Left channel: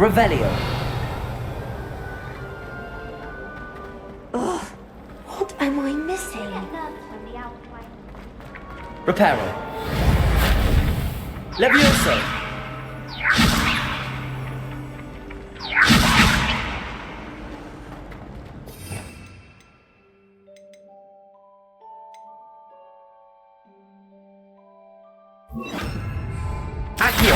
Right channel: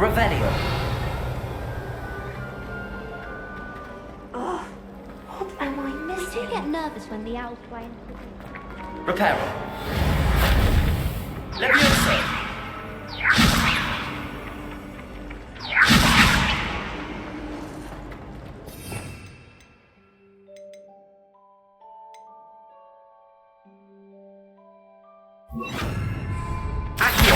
Revelio. What am I missing? I get nervous when the owls play. Reparo. Levioso. Accio.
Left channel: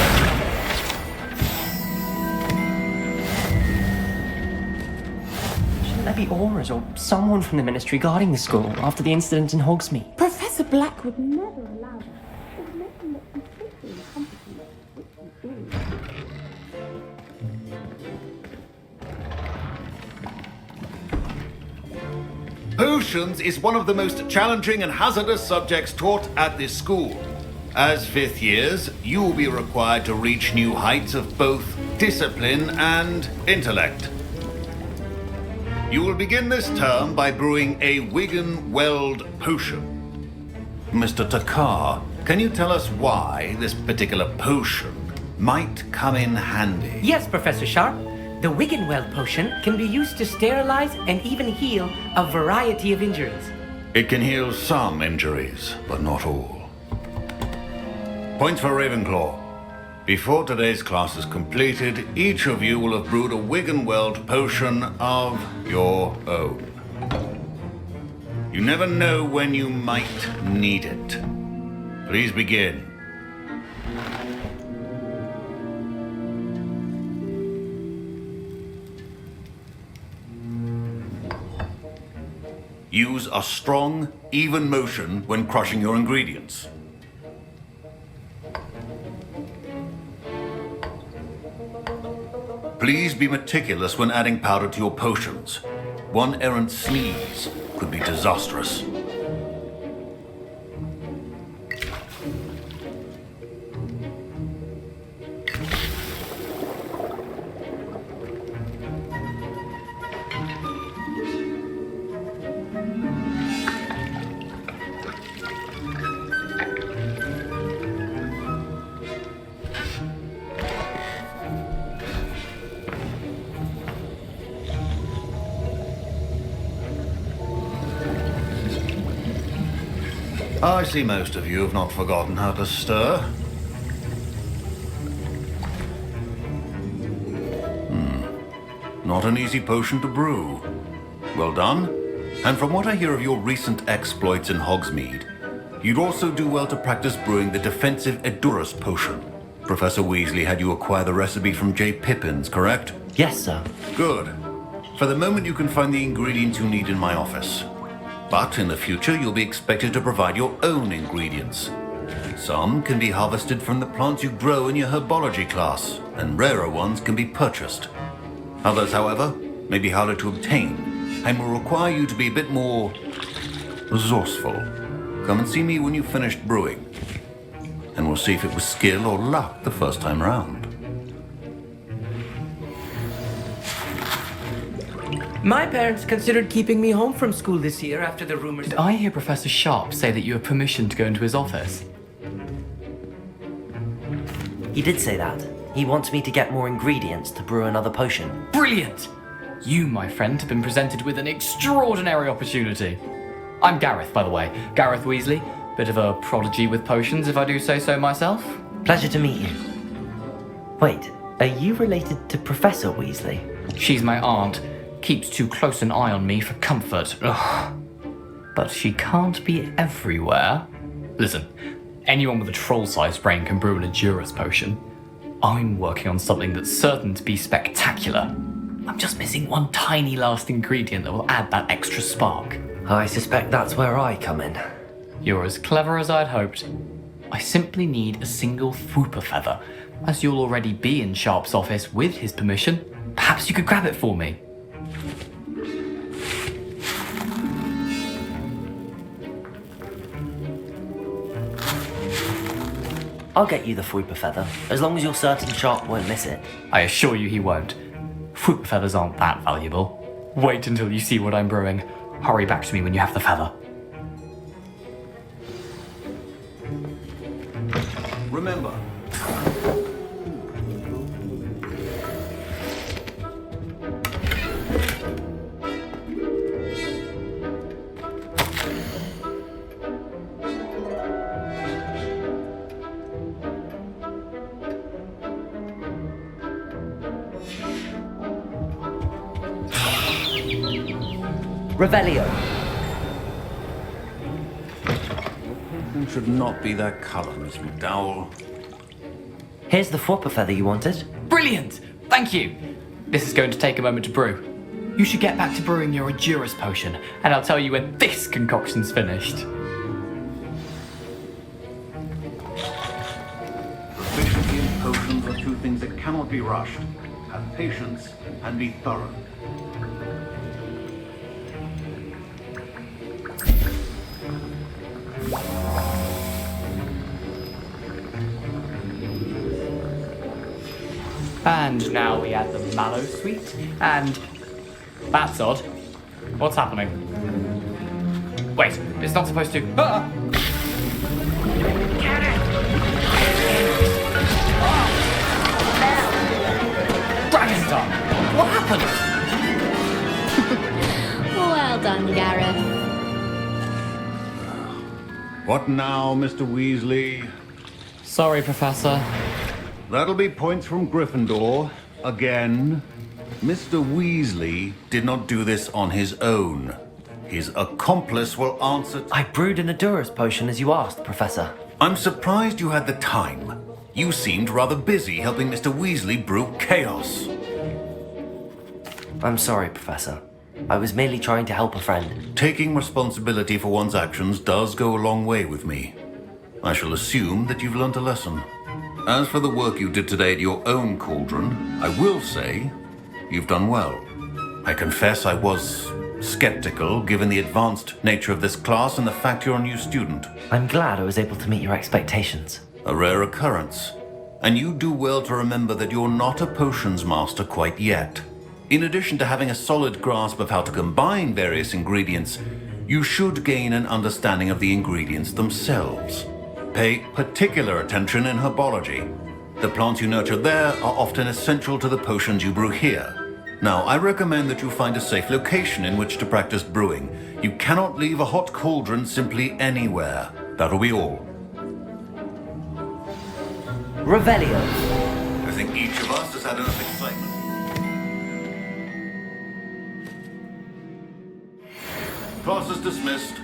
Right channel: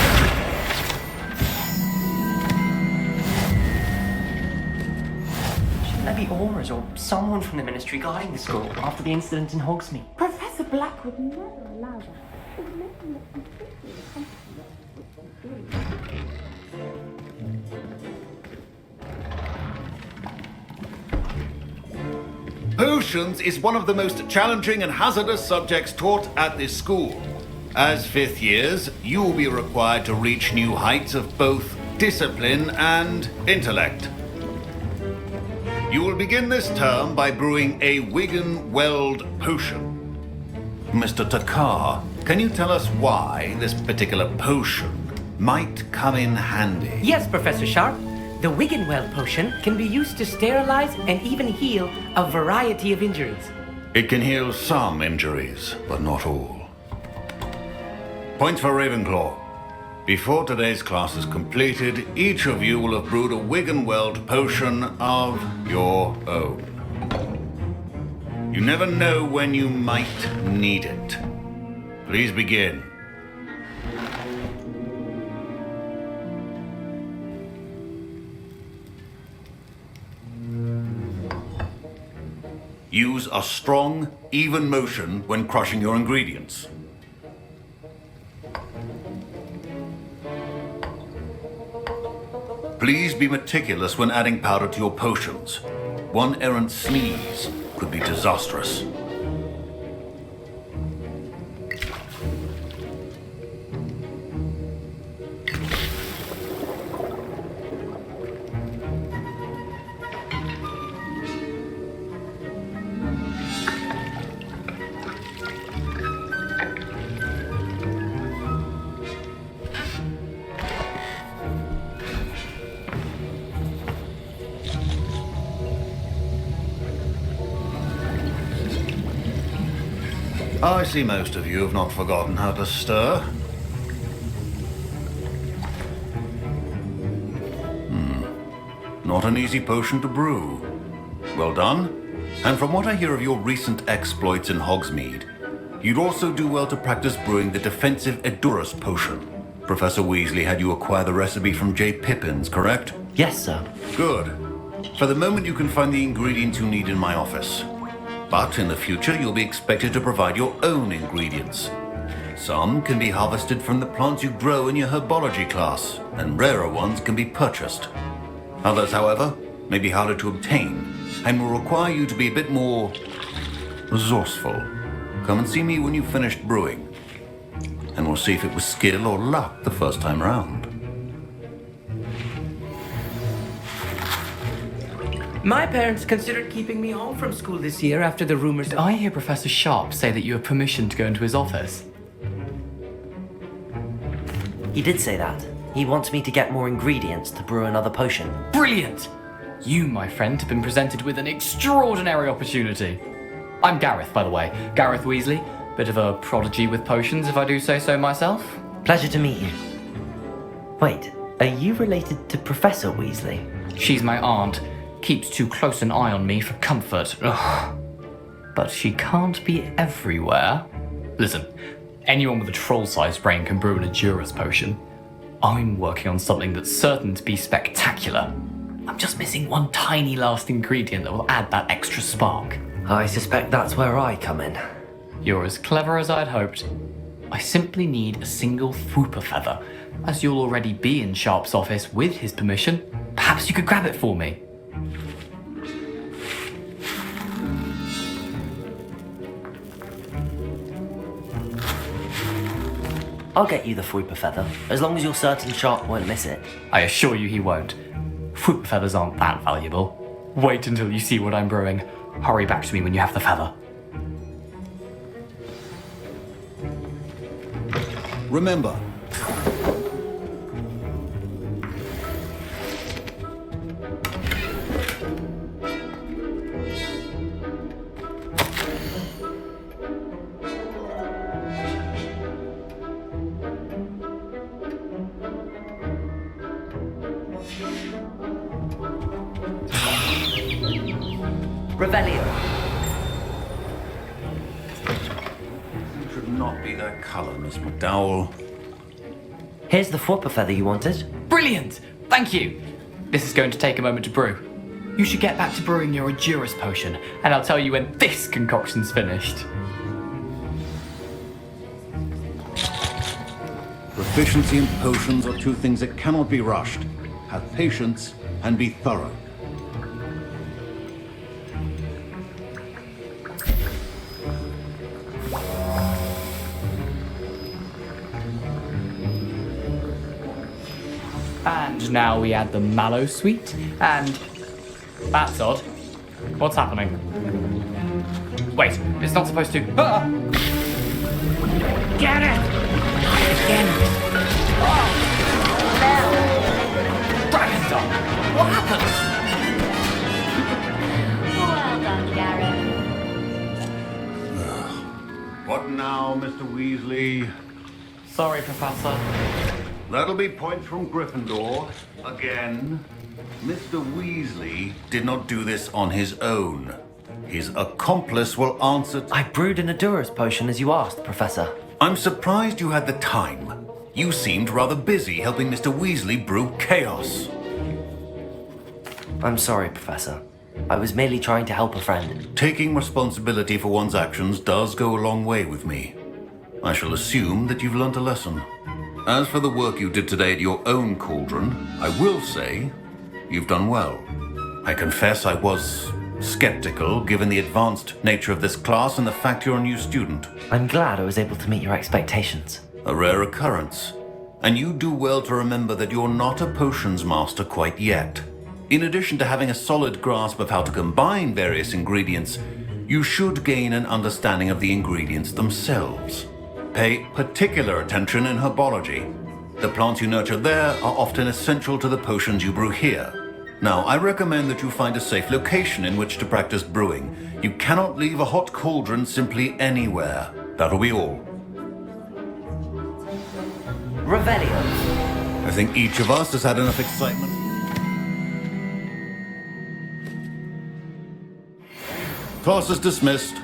Shouldn't there be auras or someone from the Ministry guarding the school after the incident in Hogsmeade? Professor Blackwood Would never allow that. It would make him look completely incompetent, which he is. Potions is one of the most challenging and hazardous subjects taught at this school. As fifth years, you will be required to reach new heights of both discipline and intellect. You will begin this term by brewing a Wigan-Weld potion. Mr. Takar, can you tell us why this particular potion might come in handy? Yes, Professor Sharp. The Wiggenweld potion can be used to sterilize and even heal a variety of injuries. It can heal some injuries, but not all. Points for Ravenclaw. Before today's class is completed, each of you will have brewed a Wiggenweld potion of your own. You never know when you might need it. Please begin. Use a strong, even motion when crushing your ingredients. Please be meticulous when adding powder to your potions. One errant sneeze could be disastrous. I see most of you have not forgotten how to stir. Not an easy potion to brew. Well done. And from what I hear of your recent exploits in Hogsmeade, you'd also do well to practice brewing the defensive Edurus potion. Professor Weasley had you acquire the recipe from J. Pippins, correct? Yes, sir. Good. For the moment, you can find the ingredients you need in my office. But in the future, you'll be expected to provide your own ingredients. Some can be harvested from the plants you grow in your herbology class, and rarer ones can be purchased. Others, however, may be harder to obtain, and will require you to be a bit more resourceful. Come and see me when you've finished brewing, and we'll see if it was skill or luck the first time round. My parents considered keeping me home from school this year after the rumors. Did I hear Professor Sharp say that you have permission to go into his office? He did say that. He wants me to get more ingredients to brew another potion. Brilliant! You, my friend, have been presented with an extraordinary opportunity. I'm Gareth, by the way. Gareth Weasley. Bit of a prodigy with potions, if I do say so myself. Pleasure to meet you. Wait, are you related to Professor Weasley? She's my aunt. Keeps too close an eye on me for comfort. Ugh. But she can't be everywhere. Listen, anyone with a troll-sized brain can brew an Edurus potion. I'm working on something that's certain to be spectacular. I'm just missing one tiny last ingredient that will add that extra spark. I suspect that's where I come in. You're as clever as I'd hoped. I simply need a single Fwooper feather. As you'll already be in Sharp's office with his permission, perhaps you could grab it for me. I'll get you the Fwooper feather, as long as you're certain Sharp won't miss it. I assure you he won't. Fwooper feathers aren't that valuable. Wait until you see what I'm brewing. Hurry back to me when you have the feather. Remember, Revelio. It should not be that color, Miss McDowell. Here's the Fwopper feather you wanted. Brilliant! Thank you! This is going to take a moment to brew. You should get back to brewing your Edurus potion, and I'll tell you when this concoction's finished. Proficiency in potions are two things that cannot be rushed. Have patience and be thorough. And now we add the mallow sweet, and... That's odd. What's happening? Wait, it's not supposed to... Ah! Get it! Dragon Dog! What happened? Well done, Gareth. What now, Mr. Weasley? Sorry, Professor. That'll be points from Gryffindor. Again. Mr. Weasley did not do this on his own. His accomplice will answer... I brewed an Edurus potion as you asked, Professor. I'm surprised you had the time. You seemed rather busy helping Mr. Weasley brew chaos. I'm sorry, Professor. I was merely trying to help a friend. Taking responsibility for one's actions does go a long way with me. I shall assume that you've learnt a lesson. As for the work you did today at your own cauldron, I will say you've done well. I confess I was skeptical given the advanced nature of this class and the fact you're a new student. I'm glad I was able to meet your expectations. A rare occurrence. And you do well to remember that you're not a potions master quite yet. In addition to having a solid grasp of how to combine various ingredients, you should gain an understanding of the ingredients themselves. Pay particular attention in herbology. The plants you nurture there are often essential to the potions you brew here. Now, I recommend that you find a safe location in which to practice brewing. You cannot leave a hot cauldron simply anywhere. That'll be all. Revelio. I think each of us has had enough excitement. Class is dismissed.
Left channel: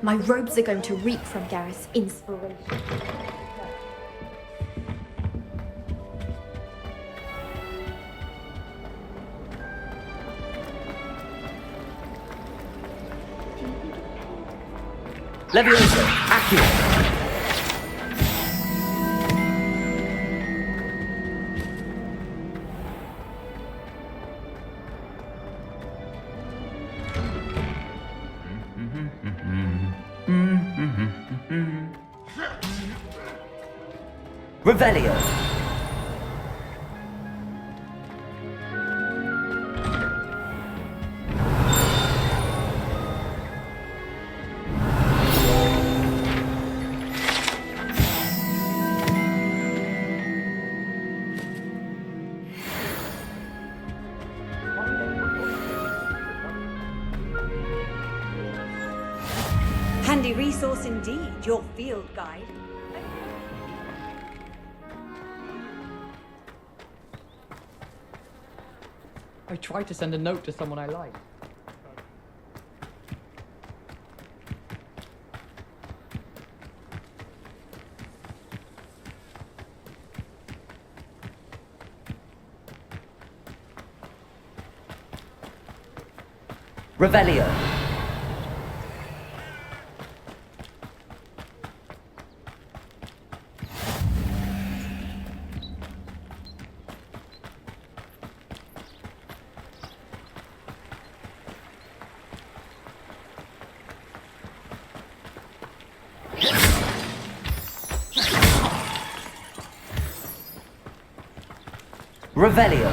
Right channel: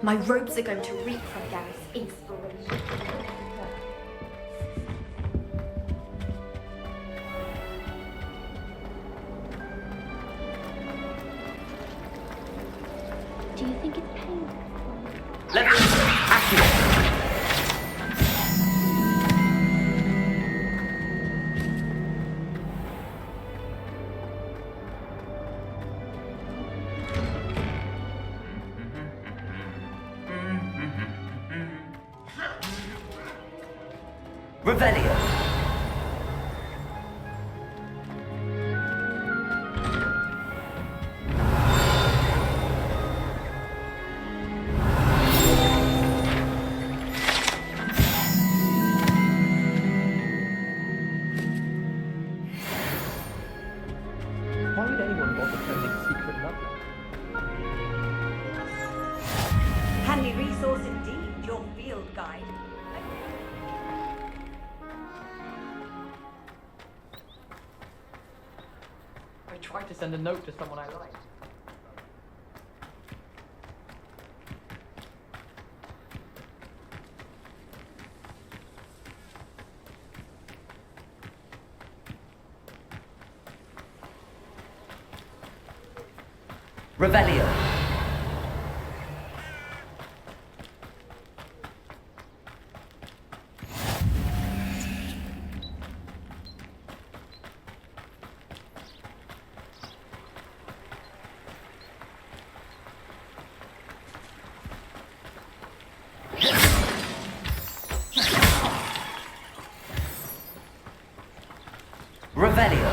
My robes are going to reek from Gareth's inspiration. Leviosa. Accurate. Revelio. Handy resource indeed, your field guide. I tried to send a note to someone I liked. Revelio. Revelio.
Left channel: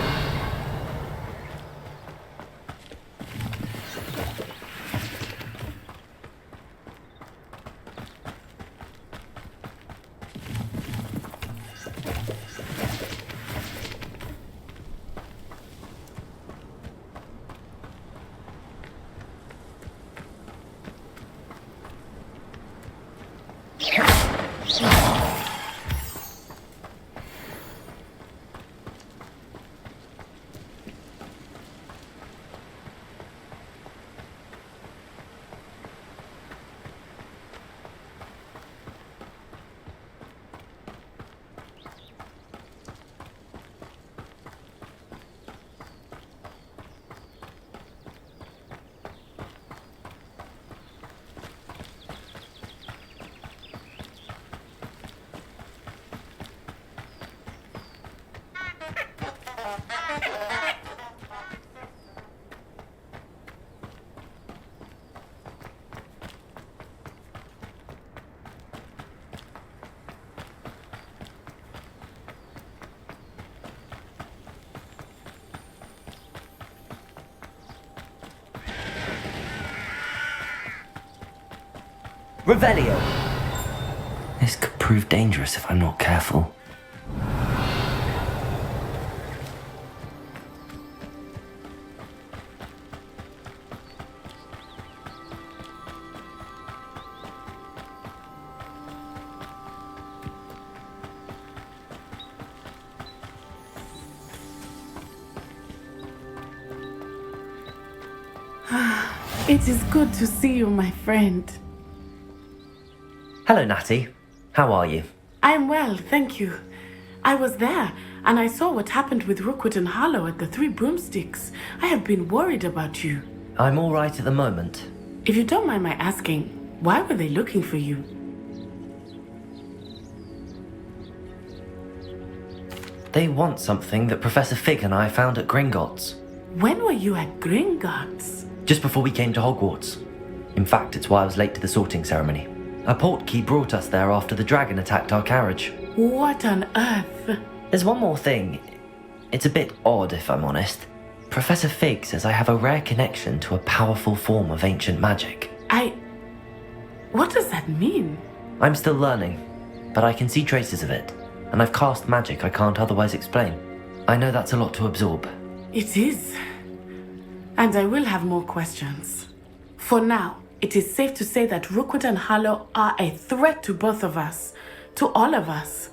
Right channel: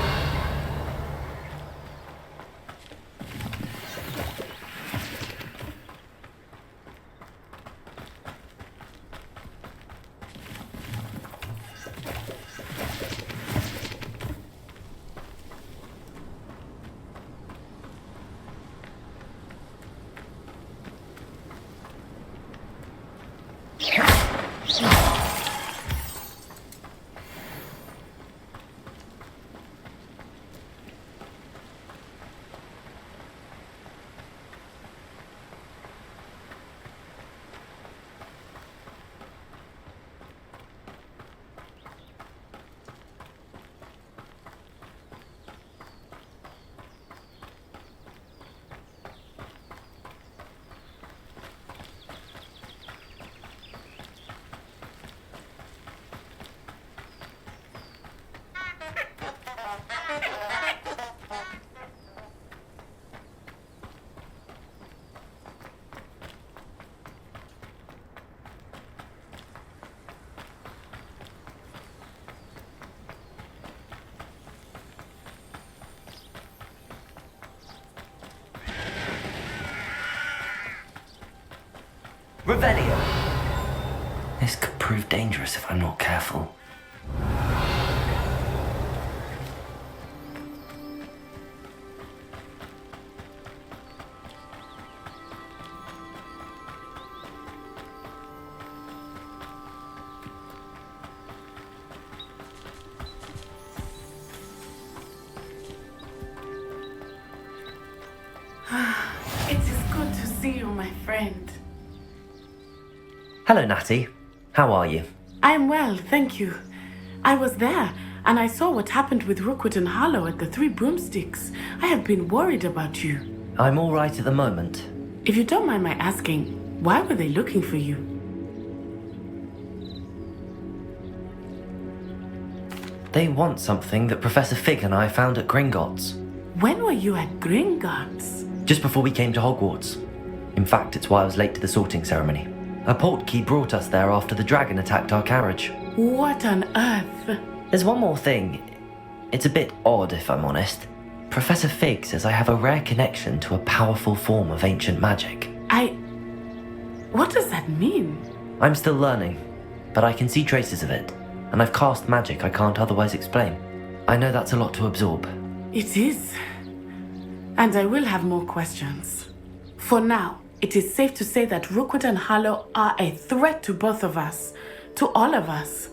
Revelio! This could prove dangerous if I'm not careful. It is good to see you, my friend. Hello, Natty. How are you? I am well, thank you. I was there, and I saw what happened with Rookwood and Harlow at the Three Broomsticks. I have been worried about you. I'm all right at the moment. If you don't mind my asking, why were they looking for you? They want something that Professor Fig and I found at Gringotts. When were you at Gringotts? Just before we came to Hogwarts. In fact, it's why I was late to the sorting ceremony. A portkey brought us there after the dragon attacked our carriage. What on earth? There's one more thing. It's a bit odd, if I'm honest. Professor Fig says I have a rare connection to a powerful form of ancient magic. What does that mean? I'm still learning, but I can see traces of it, and I've cast magic I can't otherwise explain. I know that's a lot to absorb. It is. And I will have more questions. For now, it is safe to say that Rookwood and Harlow are a threat to both of us, to all of us,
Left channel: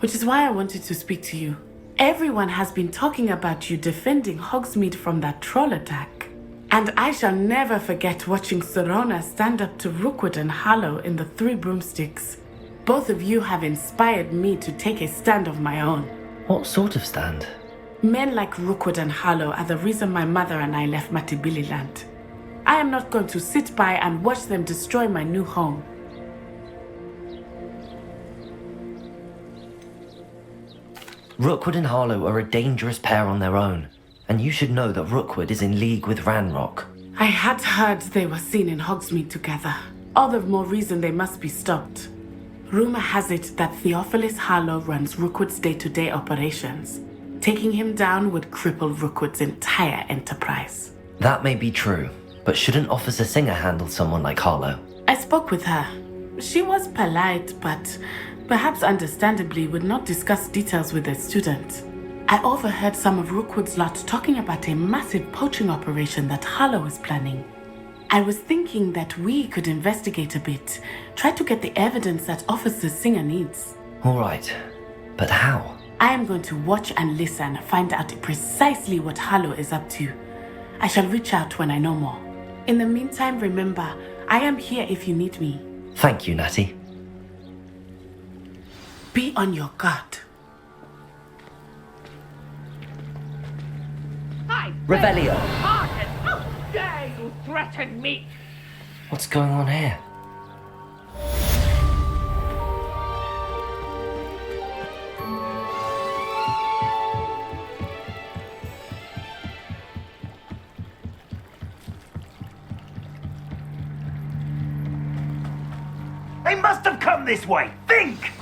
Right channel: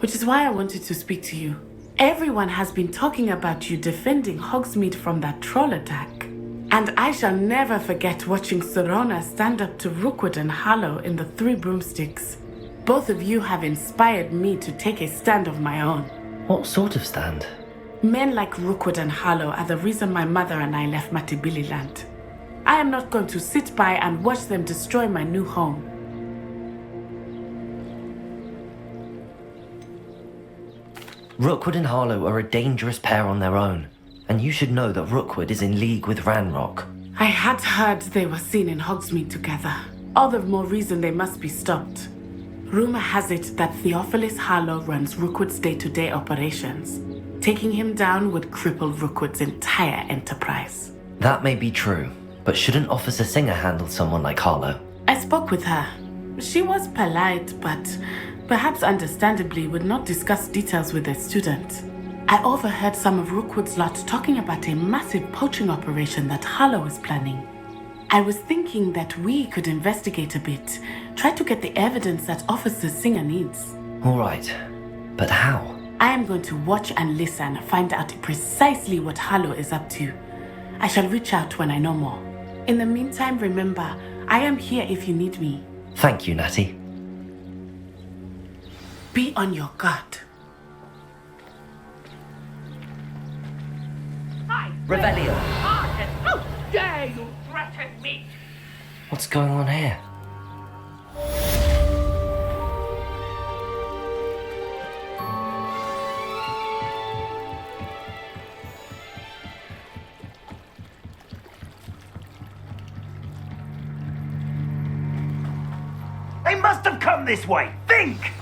which is why I wanted to speak to you. Everyone has been talking about you defending Hogsmeade from that troll attack. And I shall never forget watching Serona stand up to Rookwood and Harlow in the Three Broomsticks. Both of you have inspired me to take a stand of my own. What sort of stand? Men like Rookwood and Harlow are the reason my mother and I left Matibililand. I am not going to sit by and watch them destroy my new home. Rookwood and Harlow are a dangerous pair on their own, and you should know that Rookwood is in league with Ranrock. I had heard they were seen in Hogsmeade together. All the more reason they must be stopped. Rumor has it that Theophilus Harlow runs Rookwood's day-to-day operations. Taking him down would cripple Rookwood's entire enterprise. That may be true, but shouldn't Officer Singer handle someone like Harlow? I spoke with her. She was polite, but perhaps understandably would not discuss details with a student. I overheard some of Rookwood's lot talking about a massive poaching operation that Harlow is planning. I was thinking that we could investigate a bit, try to get the evidence that Officer Singer needs. All right, but how? I am going to watch and listen, find out precisely what Harlow is up to. I shall reach out when I know more. In the meantime, remember, I am here if you need me. Thank you, Natty. Be on your guard. Revelio! How dare you threaten me? What's going on here? They must have come this way. Think!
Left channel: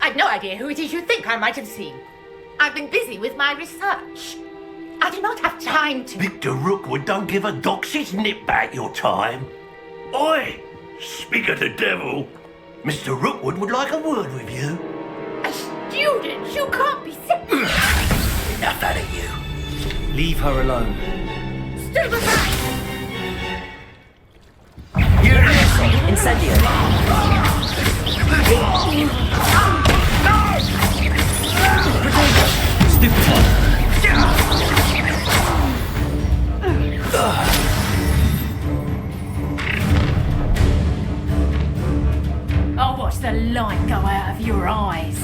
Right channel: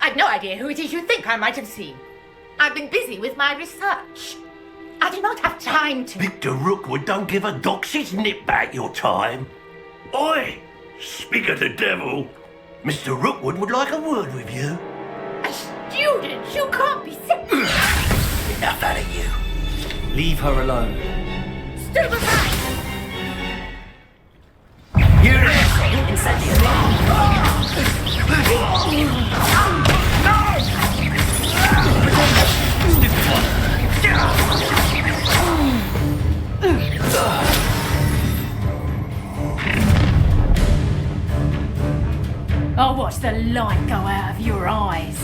I've no idea who it is you think I might have seen. I've been busy with my research. I do not have time to... Victor Rookwood don't give a doxy's nip back your time. Oi! Speak of the devil. Mr. Rookwood would like a word with you. A student? You can't be sick. Enough out of you. Leave her alone. Stand aside! Incendio! Stupid one! I'll watch the light go out of your eyes.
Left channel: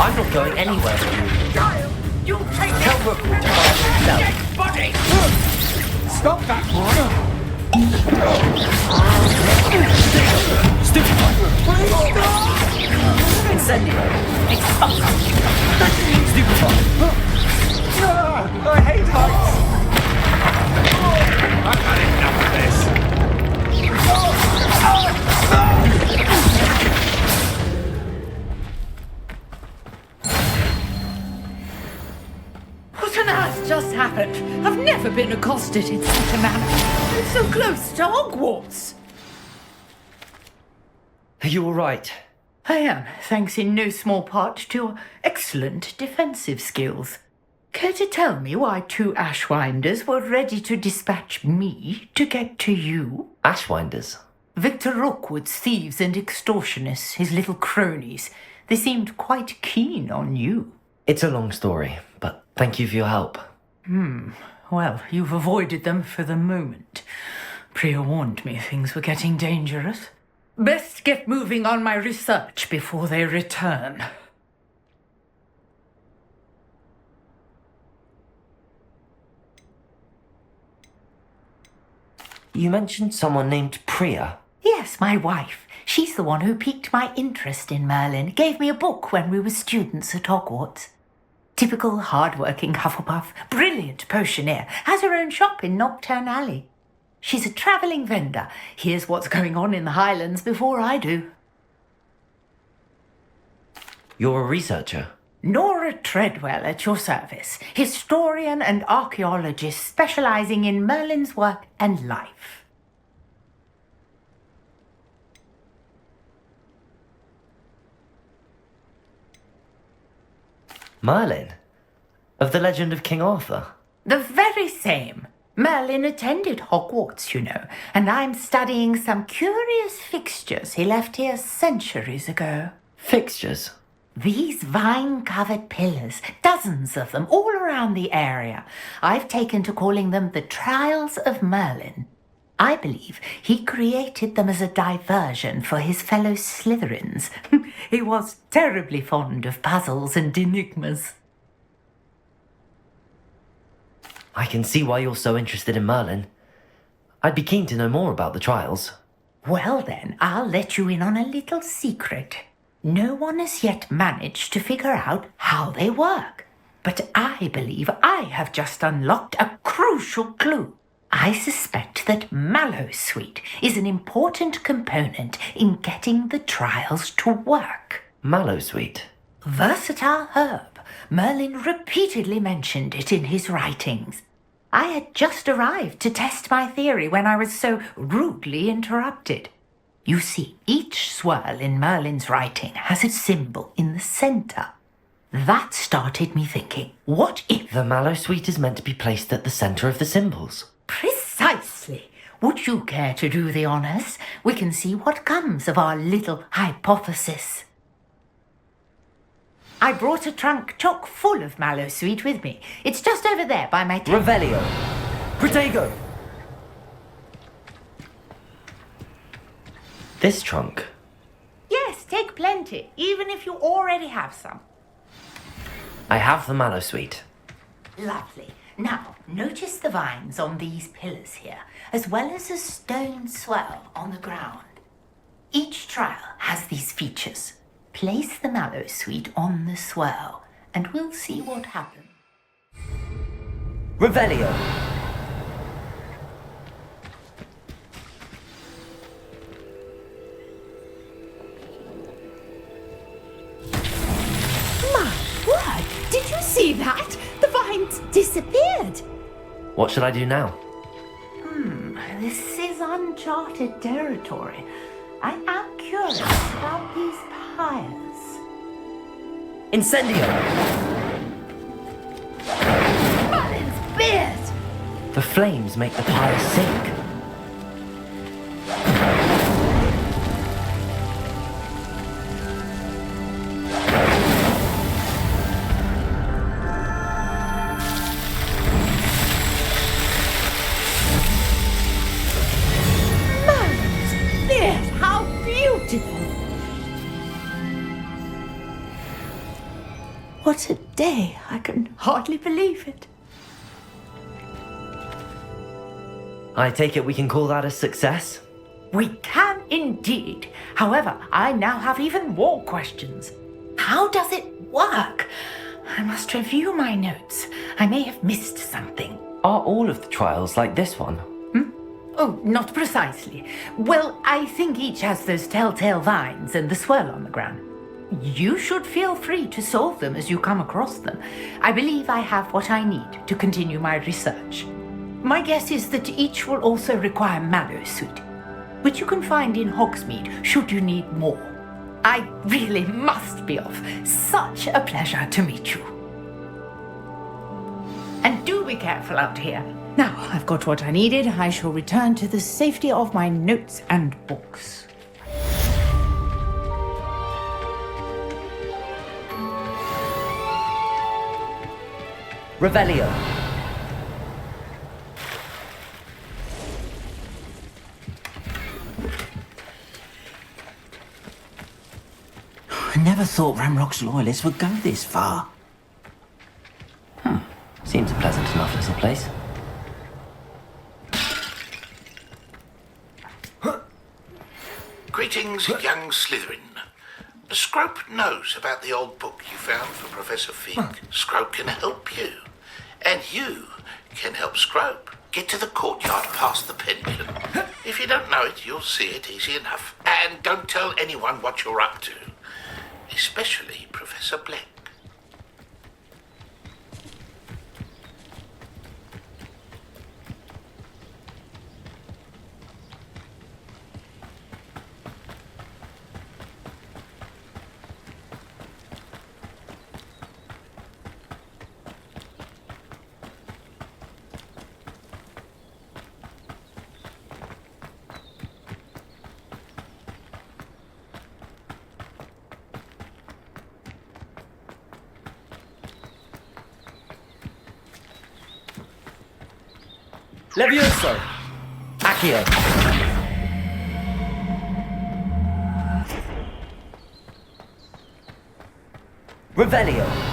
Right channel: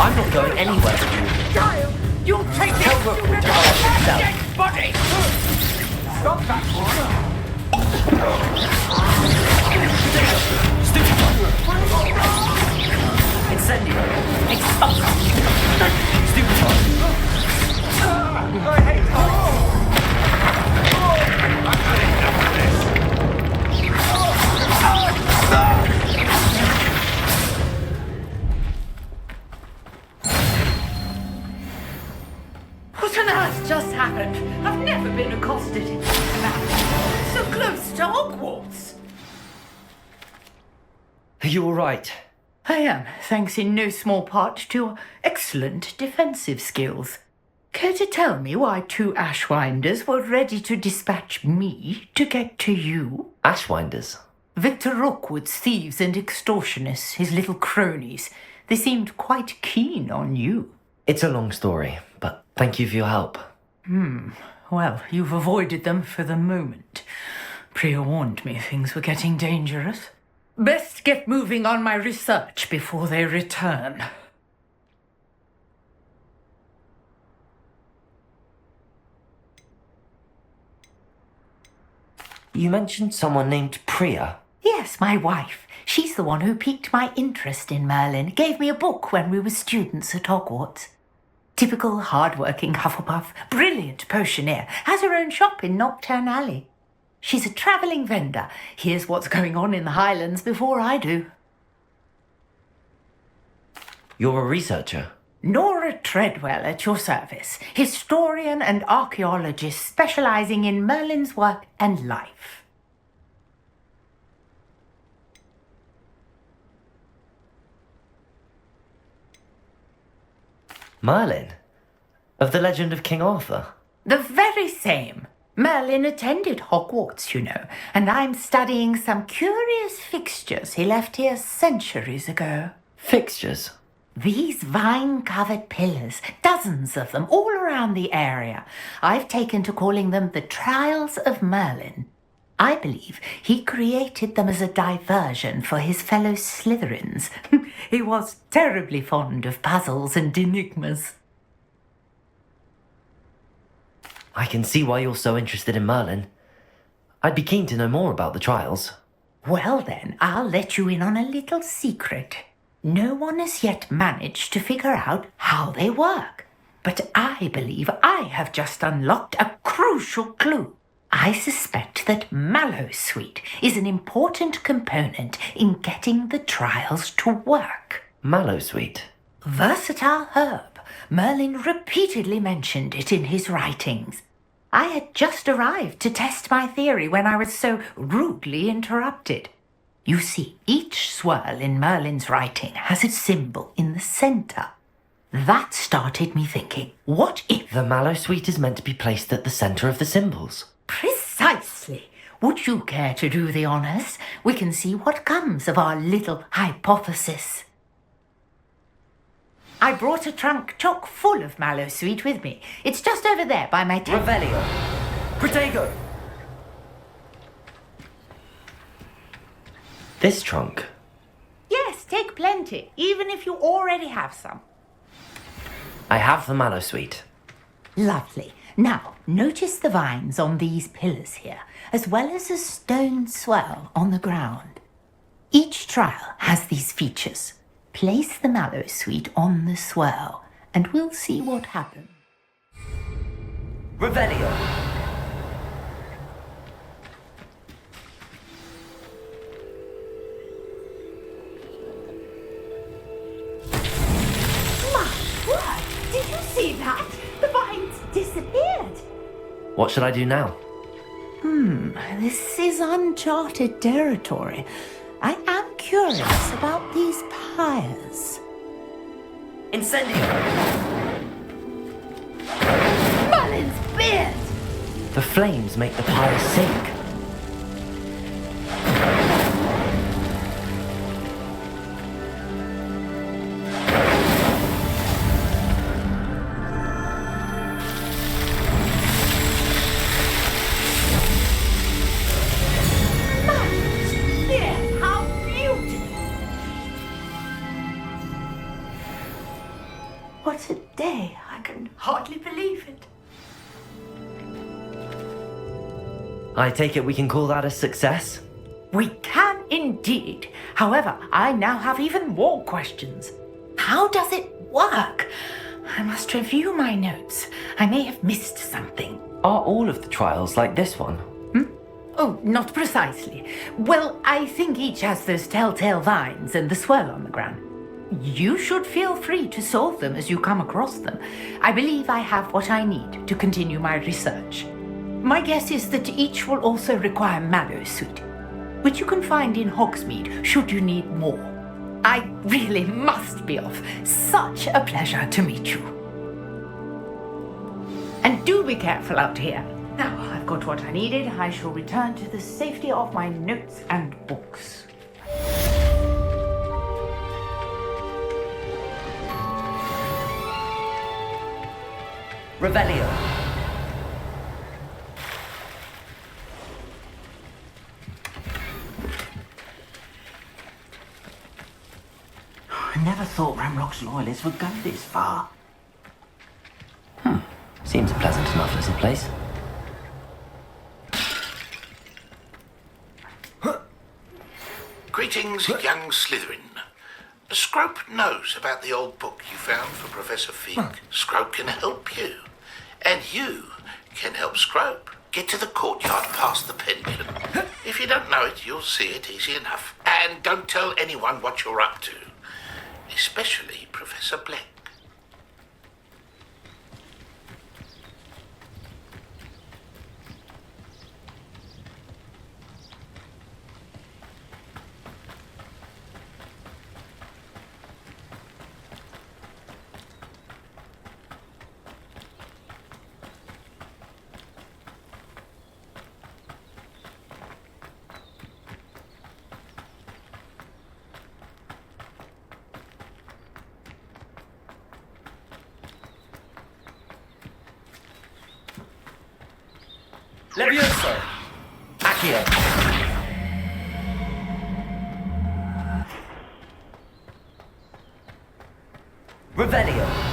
I'm not going anywhere with you. Child, you'll take Tell Rookwood to find himself. body! Stop that! Stupid one! Incendio! Expulso! Stupid one! I hate heights! I've had enough of this! just happened? I've never been accosted in such a manner. I'm so close to Hogwarts. Are you all right? I am, thanks in no small part to your excellent defensive skills. Care to tell me why 2 Ashwinders were ready to dispatch me to get to you? Ashwinders? Victor Rookwood's thieves and extortionists, his little cronies. They seemed quite keen on you. It's a long story, but thank you for your help. Well, you've avoided them for the moment. Priya warned me things were getting dangerous. Best get moving on my research before they return. You mentioned someone named Priya. Yes, my wife. She's the one who piqued my interest in Merlin. Gave me a book when we were students at Hogwarts. Typical hard-working Hufflepuff, brilliant potioneer, has her own shop in Diagon Alley. She's a travelling vendor. Hears what's going on in the Highlands before I do. You're a researcher? Nora Treadwell at your service, historian and archaeologist specialising in Merlin's work and life. Merlin? Of the legend of King Arthur? The very same. Merlin attended Hogwarts, you know, and I'm studying some curious fixtures he left here centuries ago. Fixtures? These vine-covered pillars, dozens of them, all around the area. I've taken to calling them the Trials of Merlin. I believe he created them as a diversion for his fellow Slytherins. He was terribly fond of puzzles and enigmas. I can see why you're so interested in Merlin. I'd be keen to know more about the trials. Well then, I'll let you in on a little secret. No one has yet managed to figure out how they work. But I believe I have just unlocked a crucial clue. I suspect that Mallowsweet is an important component in getting the trials to work. Mallowsweet? Versatile herb. Merlin repeatedly mentioned it in his writings. I had just arrived to test my theory when I was so rudely interrupted. You see, each swirl in Merlin's writing has a symbol in the centre. That started me thinking, what if... The Mallowsweet is meant to be placed at the centre of the symbols. Precisely. Would you care to do the honours? We can see what comes of our little hypothesis. I brought a trunk chock full of Mallowsweet with me. It's just over there by my tent. Revelio! Protego! This trunk? Yes, take plenty, even if you already have some. I have the Mallowsweet. Lovely. Now, notice the vines on these pillars here, as well as a stone swirl on the ground. Each trial has these features. Place the Mallowsweet on the swirl, and we'll see what happens. Revelio! Did you see that? The vines disappeared. What should I do now? This is uncharted territory. I am curious about these pyres. Incendio! Merlin's beard! The flames make the pyre sink. What a day! I can hardly believe it. I take it we can call that a success? We can indeed. However, I now have even more questions. How does it work? I must review my notes. I may have missed something. Are all of the trials like this one? Oh, not precisely. Well, I think each has those telltale vines and the swirl on the ground. you should feel free to solve them as you come across them. I believe I have what I need to continue my research. My guess is that each will also require mallowsweet, which you can find in Hogsmeade should you need more. I really must be off. Such a pleasure to meet you. And do be careful out here. Now I've got what I needed. I shall return to the safety of my notes and books. Revelio. I never thought Ramrock's loyalists would go this far. Seems a pleasant enough little place. Greetings, young Slytherin. Scrope knows about the old book you found for Professor Fig. Scrope can help you. And you can help Scrope. Get to the courtyard past the pendulum. If you don't know it, you'll see it easy enough. And don't tell anyone what you're up to. Especially Professor Black. Levioso! Accio! Revelio!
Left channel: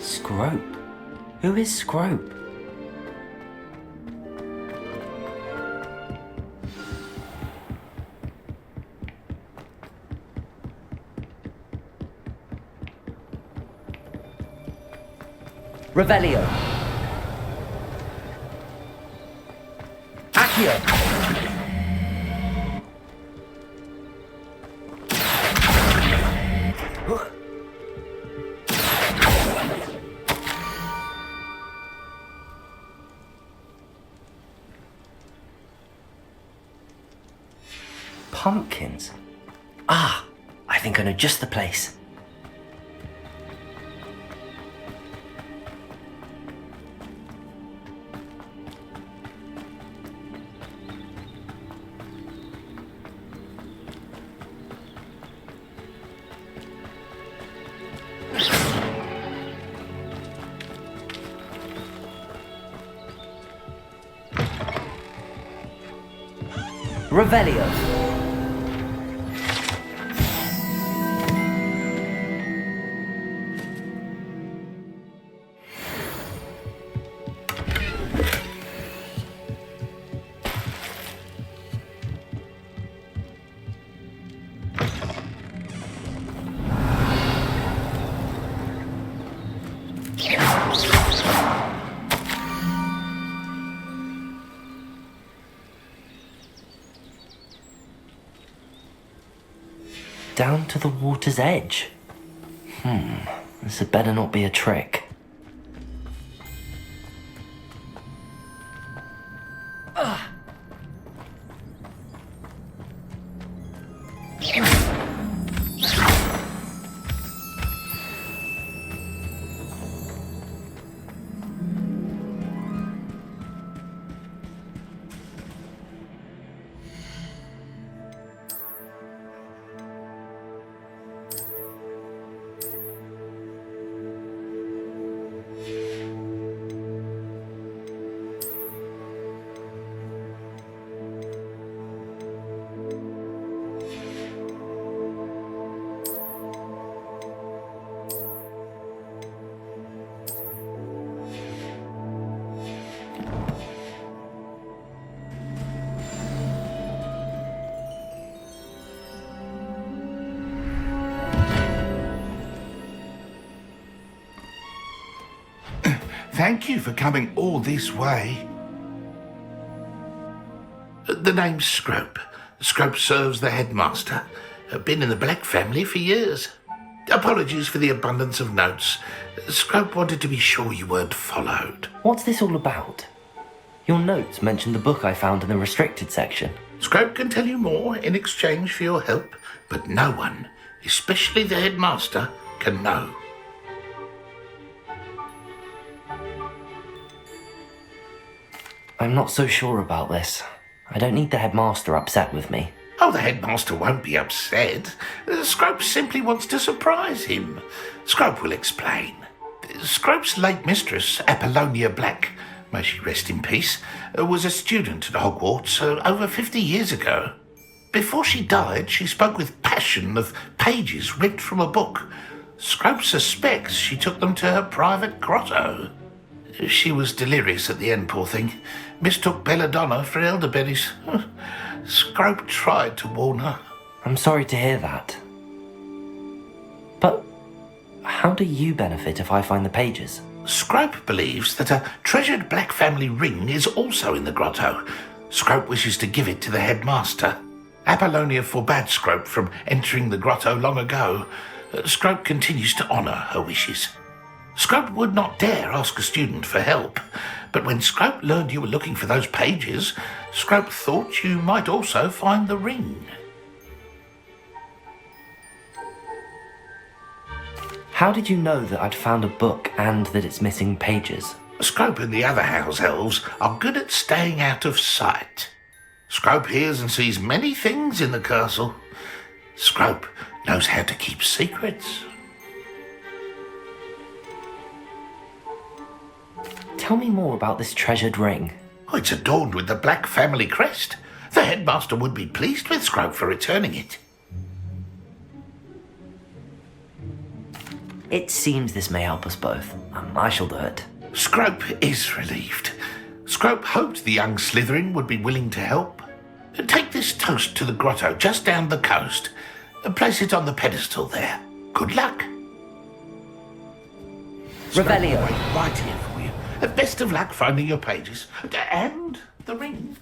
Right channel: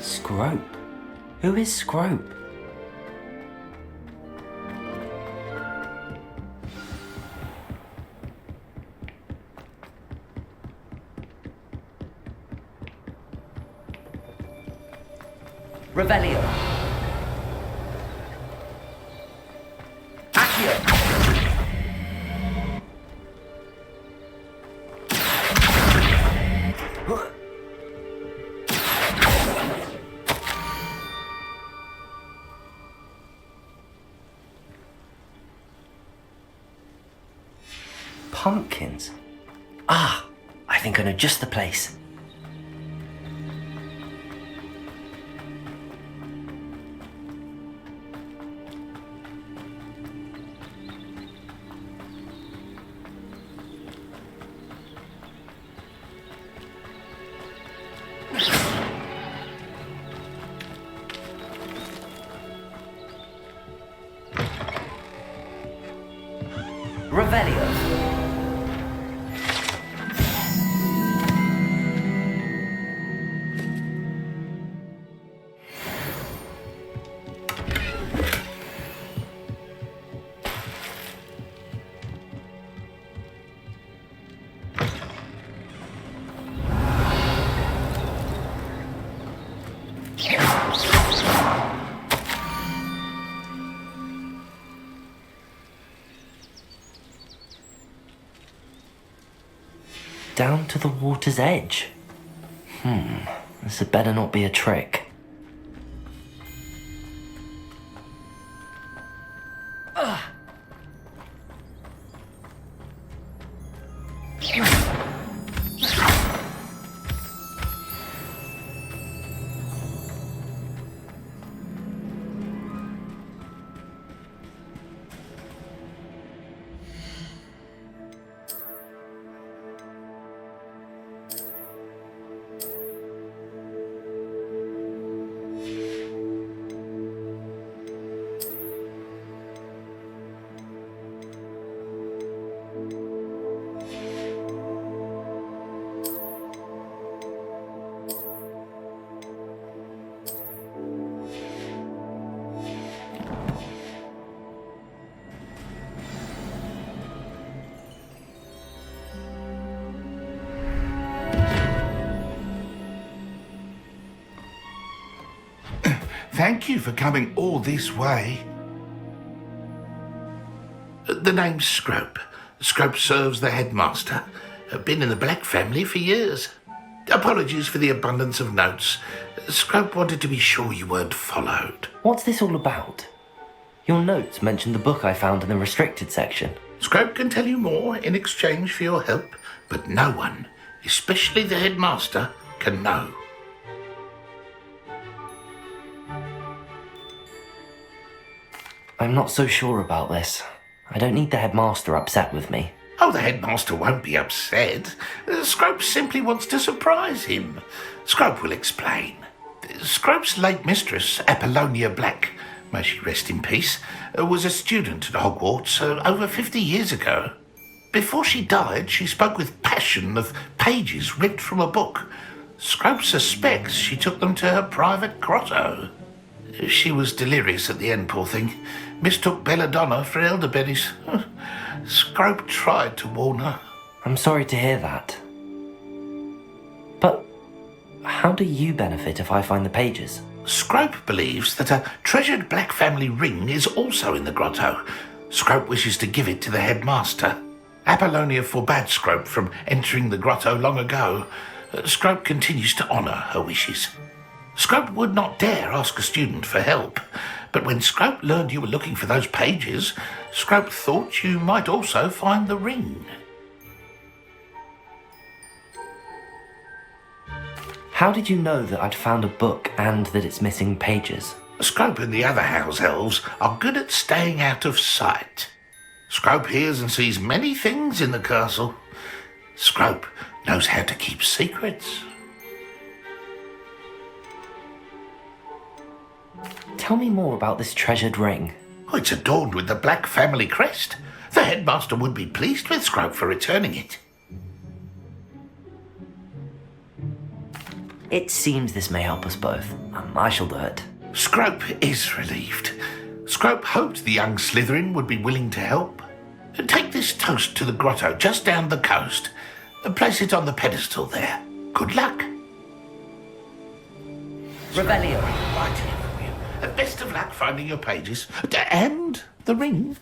Scrope? Who is Scrope? Revelio. Accio. Pumpkins? Ah, I think I know just the place. Revelio. Down to the water's edge. This had better not be a trick. Thank you for coming all this way. The name's Scrope. Scrope serves the headmaster. Been in the Black family for years. Apologies for the abundance of notes. Scrope wanted to be sure you weren't followed. What's this all about? Your notes mentioned the book I found in the restricted section. Scrope can tell you more in exchange for your help, but no one, especially the headmaster, can know. I'm not so sure about this. I don't need the headmaster upset with me. Oh, the headmaster won't be upset. Scrope simply wants to surprise him. Scrope will explain. Scrope's late mistress, Apollonia Black, may she rest in peace, was a student at Hogwarts over 50 years ago. Before she died, she spoke with passion of pages ripped from a book. Scrope suspects she took them to her private grotto. She was delirious at the end, poor thing. Mistook belladonna for elderberries. Scrope tried to warn her. I'm sorry to hear that. But how do you benefit if I find the pages? Scrope believes that a treasured Black family ring is also in the grotto. Scrope wishes to give it to the headmaster. Apollonia forbade Scrope from entering the grotto long ago. Scrope continues to honour her wishes. Scrope would not dare ask a student for help, but when Scrope learned you were looking for those pages, Scrope thought you might also find the ring. How did you know that I'd found a book and that it's missing pages? Scrope and the other house elves are good at staying out of sight. Scrope hears and sees many things in the castle. Scrope knows how to keep secrets. Tell me more about this treasured ring. Oh, it's adorned with the Black family crest. The headmaster would be pleased with Scrope for returning it. It seems this may help us both. I shall do it. Scrope is relieved. Scrope hoped the young Slytherin would be willing to help. Take this toast to the grotto just down the coast. Place it on the pedestal there. Good luck. Revelio. Right here for you. Best of luck finding your pages. And the ring.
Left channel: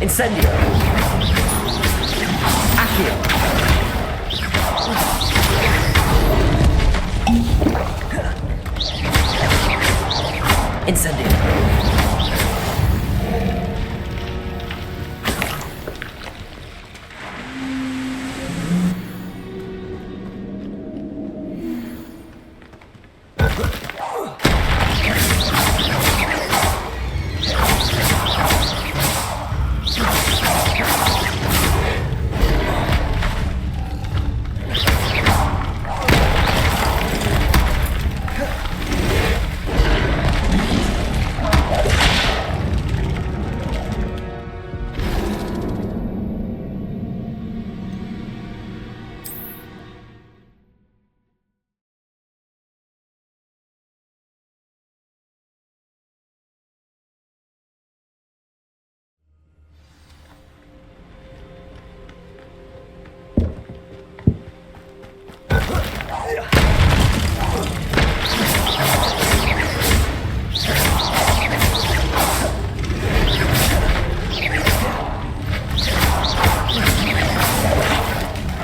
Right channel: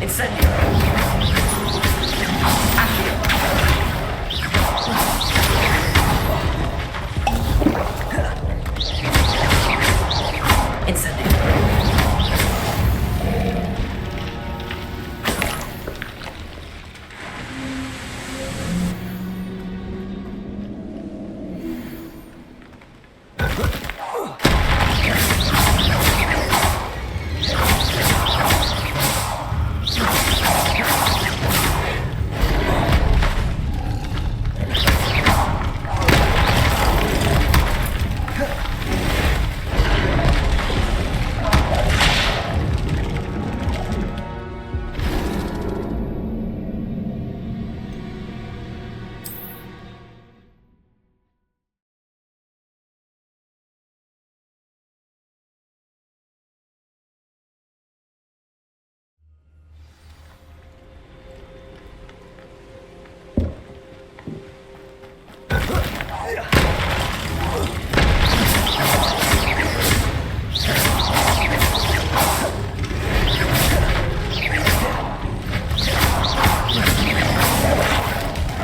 Incendio. Accio. Incendio.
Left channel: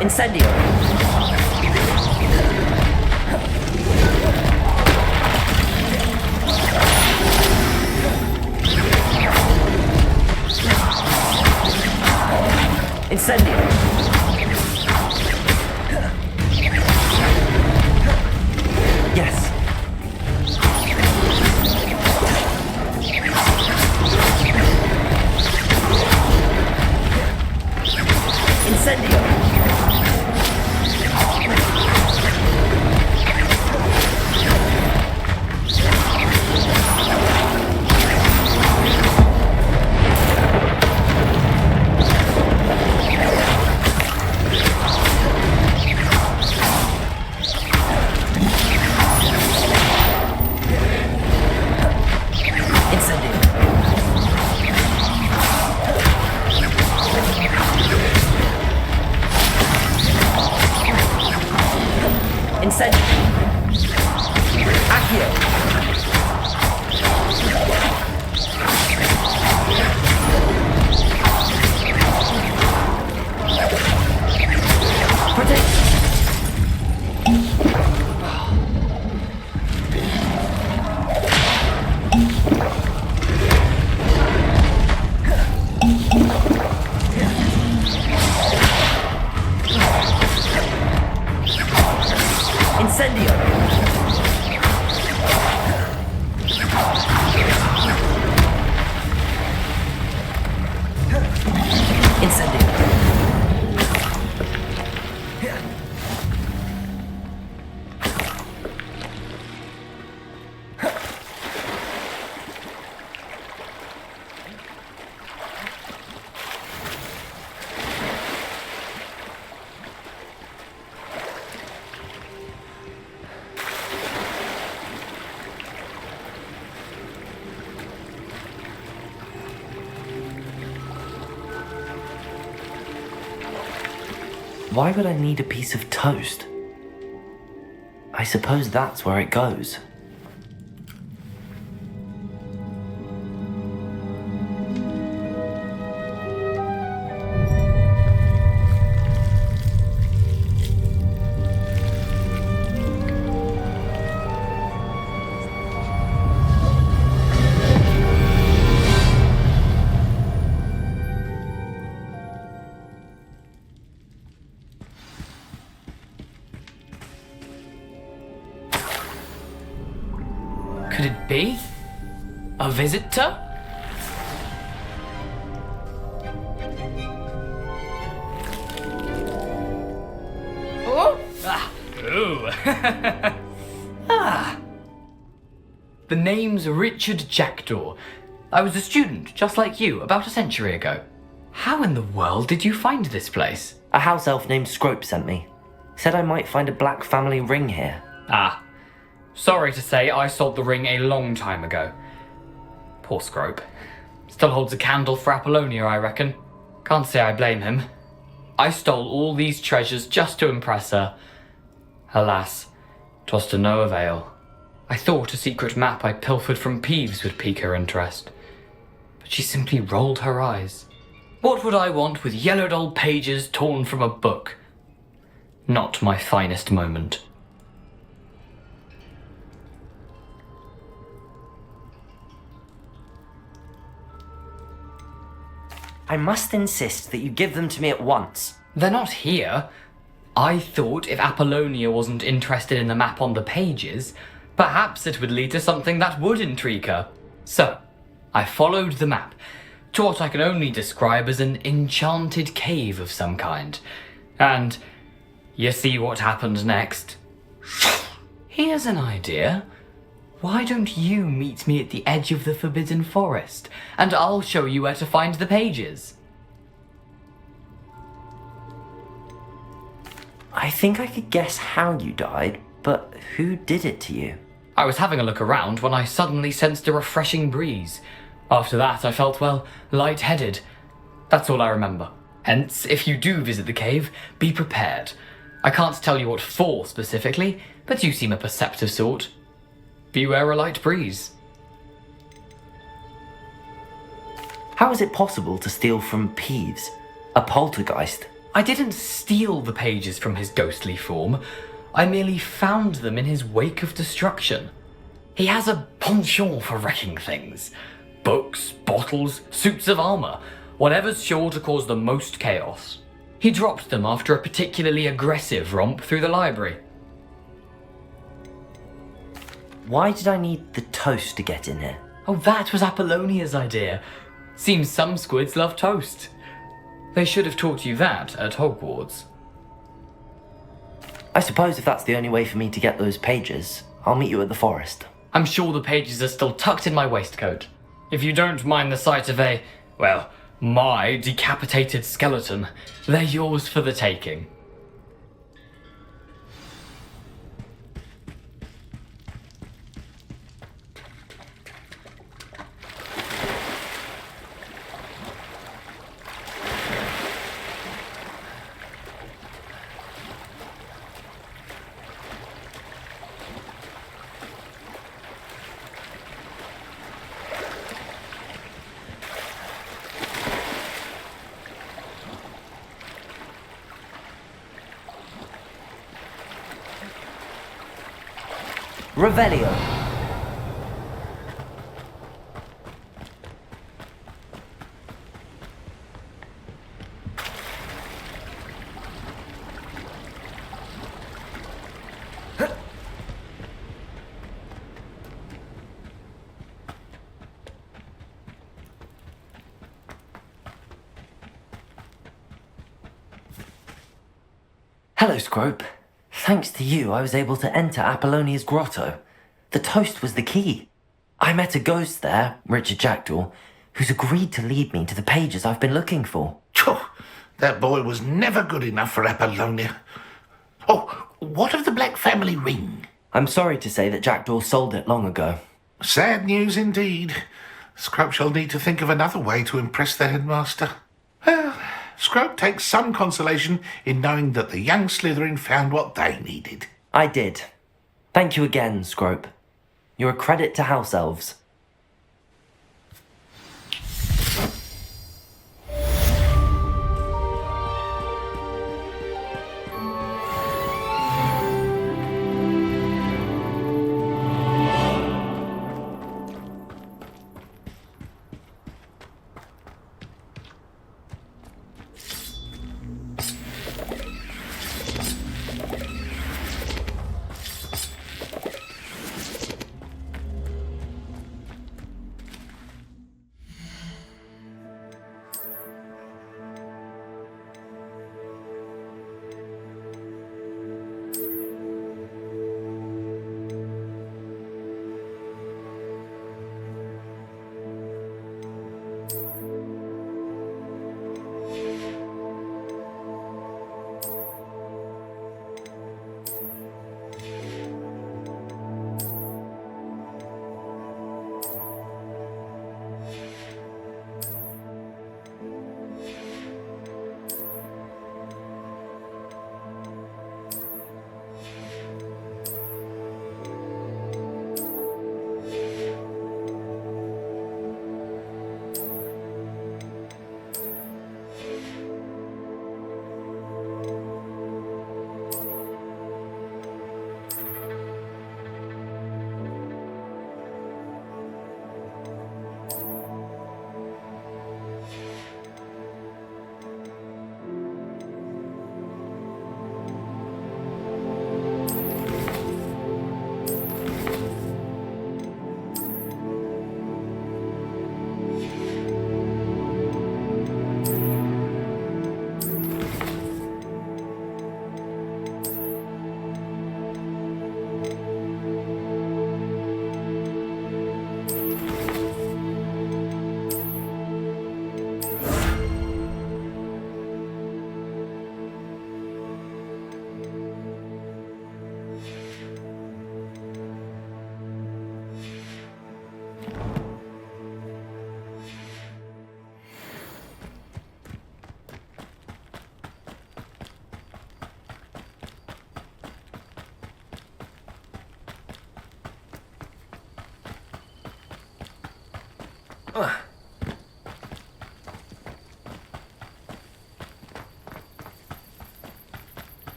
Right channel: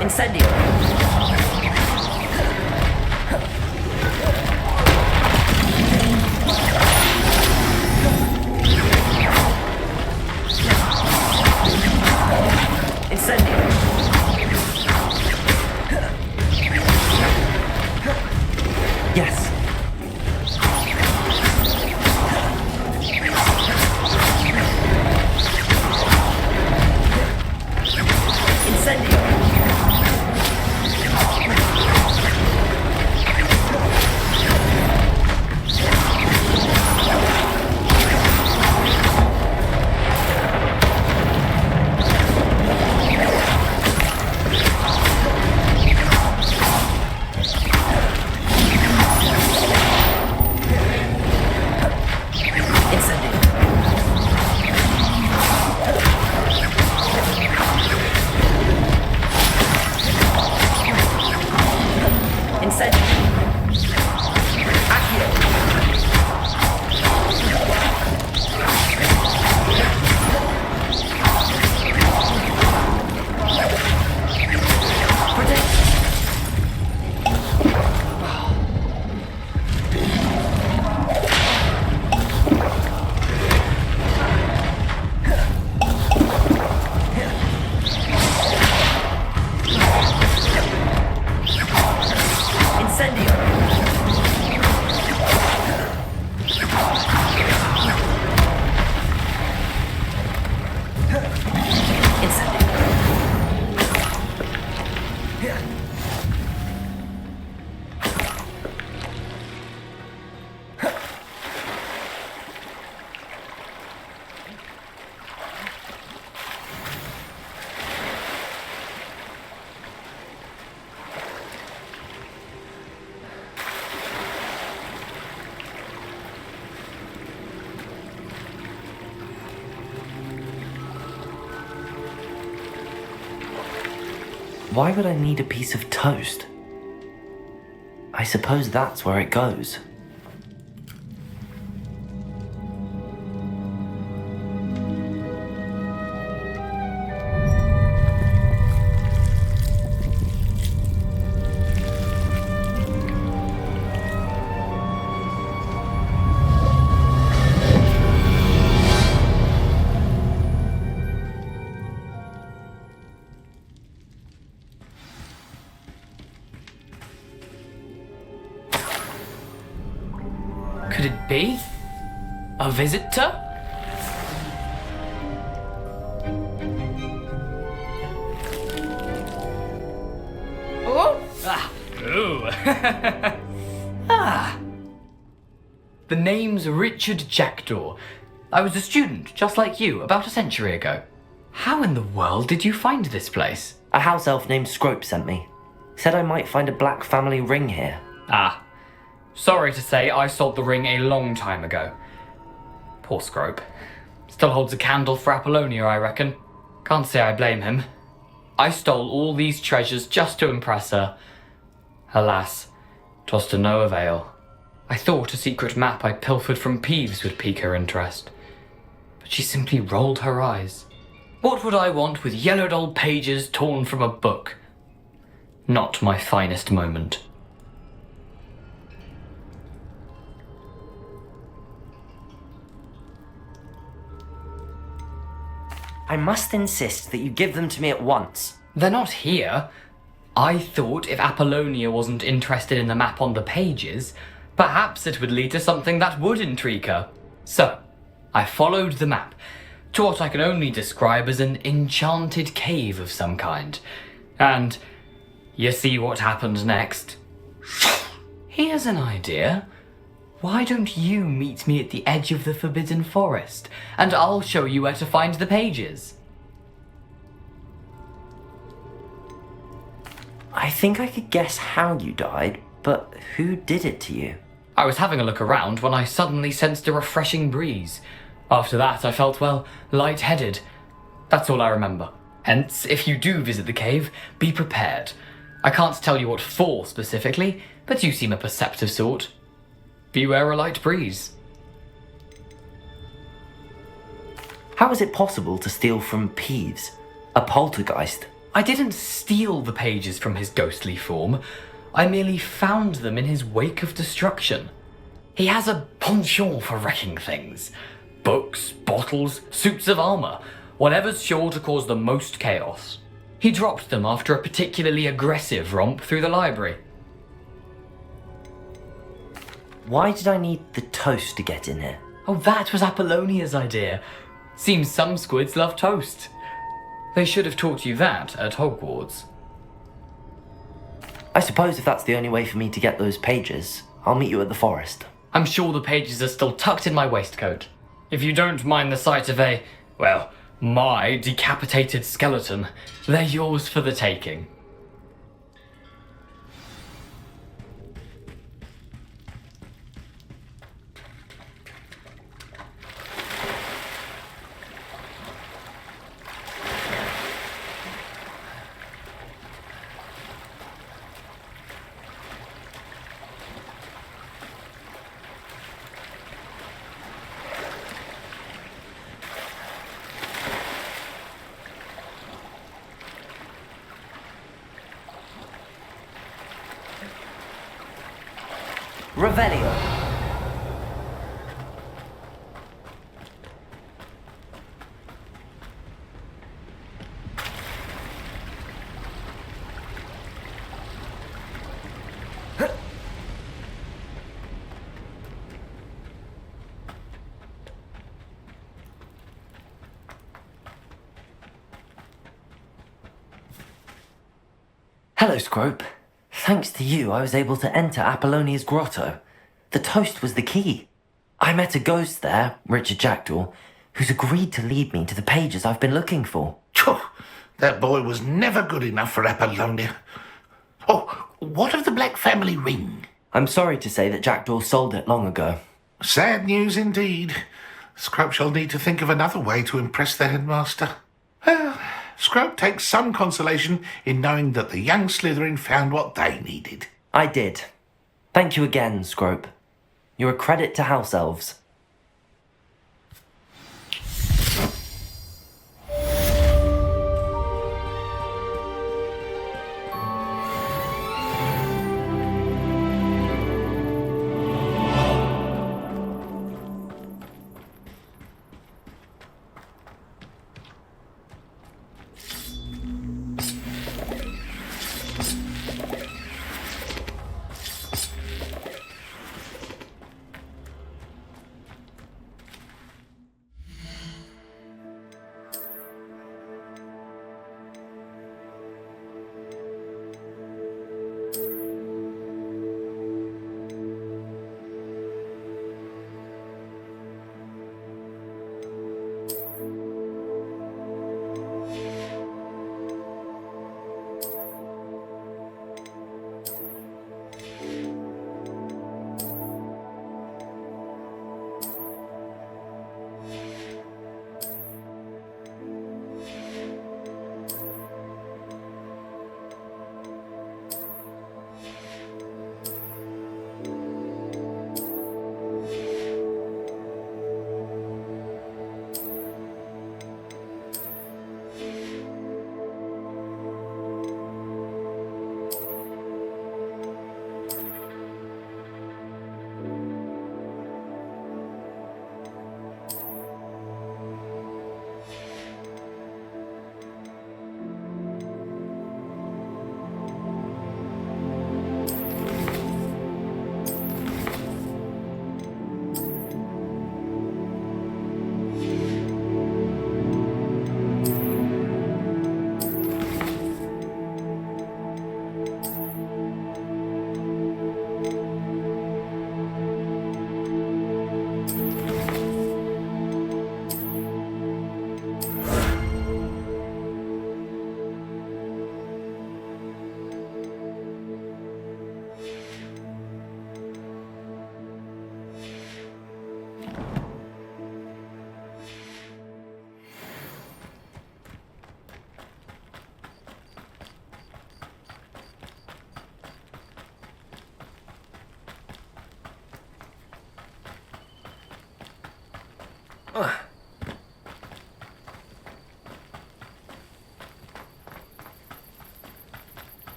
Incendio. Incendio. Yes. Incendio. Incendio. Accio. Protect. Incendio. Incendio. Why would I need a piece of toast? I suppose that's where it goes. Could it be? A visitor? Oh! Ah! Ooh! Ah! The name's Richard Jackdaw. I was a student, just like you, about a century ago. How in the world did you find this place? A house elf named Scrope sent me. Said I might find a black family ring here. Ah. Sorry to say, I sold the ring a long time ago. Poor Scrope. Still holds a candle for Apollonia, I reckon. Can't say I blame him. I stole all these treasures just to impress her. Alas, 'twas to no avail. I thought a secret map I pilfered from Peeves would pique her interest. But she simply rolled her eyes. What would I want with yellowed old pages torn from a book? Not my finest moment. I must insist that you give them to me at once. They're not here. I thought if Apollonia wasn't interested in the map on the pages, perhaps it would lead to something that would intrigue her. So, I followed the map to what I can only describe as an enchanted cave of some kind. And you see what happened next? Here's an idea. Why don't you meet me at the edge of the Forbidden Forest, and I'll show you where to find the pages? I think I could guess how you died, but who did it to you? I was having a look around when I suddenly sensed a refreshing breeze. After that, I felt, well, lightheaded. That's all I remember. Hence, if you do visit the cave, be prepared. I can't tell you what for specifically, but you seem a perceptive sort. Beware a light breeze. How is it possible to steal from Peeves, a poltergeist? I didn't steal the pages from his ghostly form. I merely found them in his wake of destruction. He has a penchant for wrecking things. Books, bottles, suits of armor, whatever's sure to cause the most chaos. He dropped them after a particularly aggressive romp through the library. Why did I need the toast to get in here? Oh, that was Apollonia's idea. Seems some squids love toast. They should have taught you that at Hogwarts. I suppose if that's the only way for me to get those pages, I'll meet you at the forest. I'm sure the pages are still tucked in my waistcoat. If you don't mind the sight of a, well, my decapitated skeleton, they're yours for the taking. Revelio. Hello, Scrope. Thanks to you, I was able to enter Apollonia's grotto. The toast was the key. I met a ghost there, Richard Jackdaw, who's agreed to lead me to the pages I've been looking for. That boy was never good enough for Apollonia. Oh, what of the Black family ring? I'm sorry to say that Jackdaw sold it long ago. Sad news indeed. Scrope shall need to think of another way to impress the headmaster. Well, Scrope takes some consolation in knowing that the young Slytherin found what they needed. I did. Thank you again, Scrope. You're a credit to House Elves.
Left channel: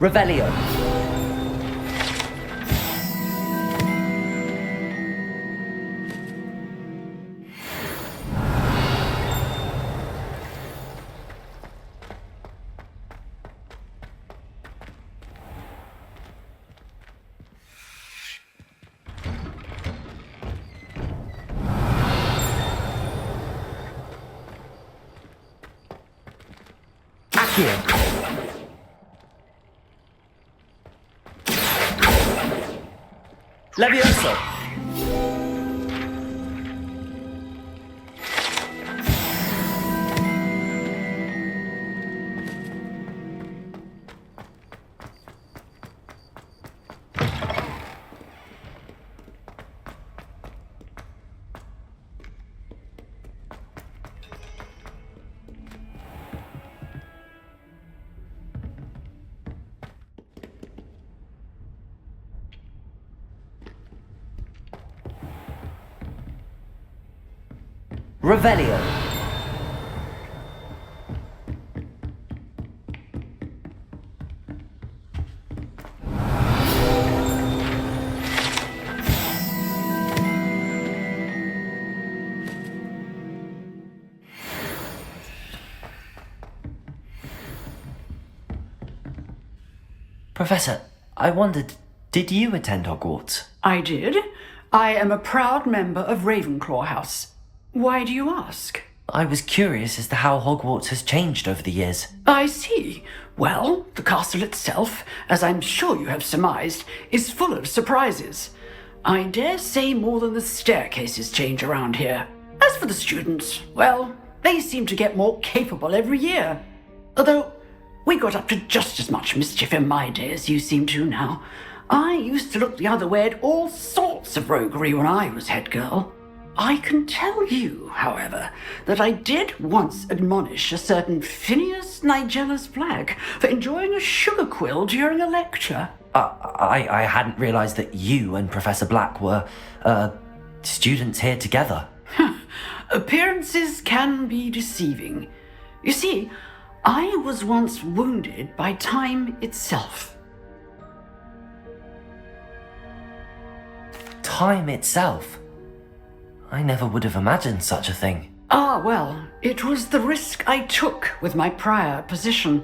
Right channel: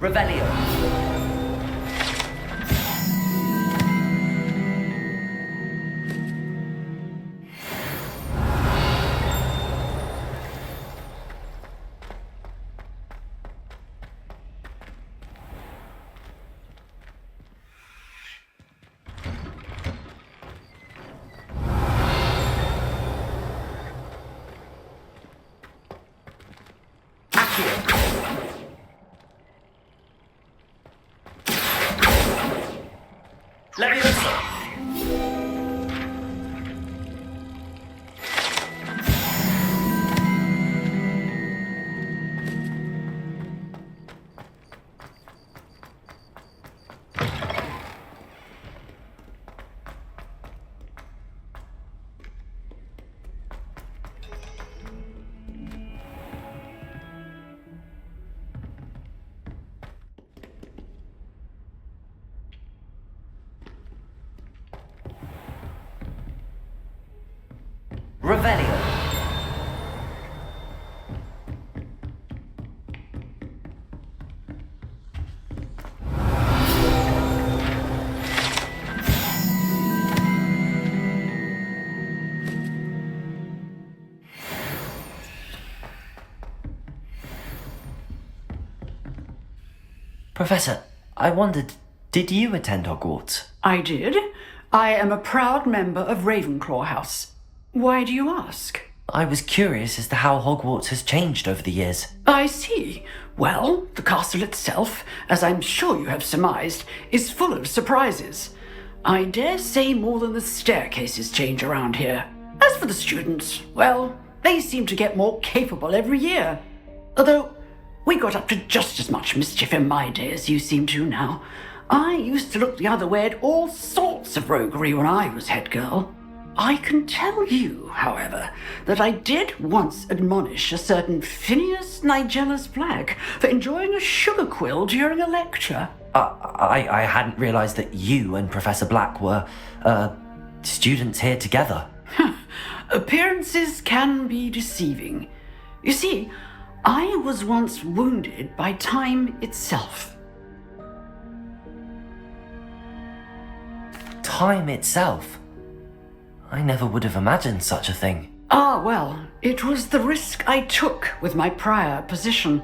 Revelio. Levioso! Revelio. Professor, I wondered, did you attend Hogwarts? I did. I am a proud member of Ravenclaw House. Why do you ask? I was curious as to how Hogwarts has changed over the years. I see. Well, the castle itself, as I'm sure you have surmised, is full of surprises. I dare say more than the staircases change around here. As for the students, well, they seem to get more capable every year. Although, we got up to just as much mischief in my day as you seem to now. I used to look the other way at all sorts of roguery when I was head girl. I can tell you, however, that I did once admonish a certain Phineas Nigellus Black for enjoying a sugar quill during a lecture. I hadn't realised that you and Professor Black were, students here together. Appearances can be deceiving. You see, I was once wounded by time itself. Time itself? I never would have imagined such a thing. Ah, well, it was the risk I took with my prior position.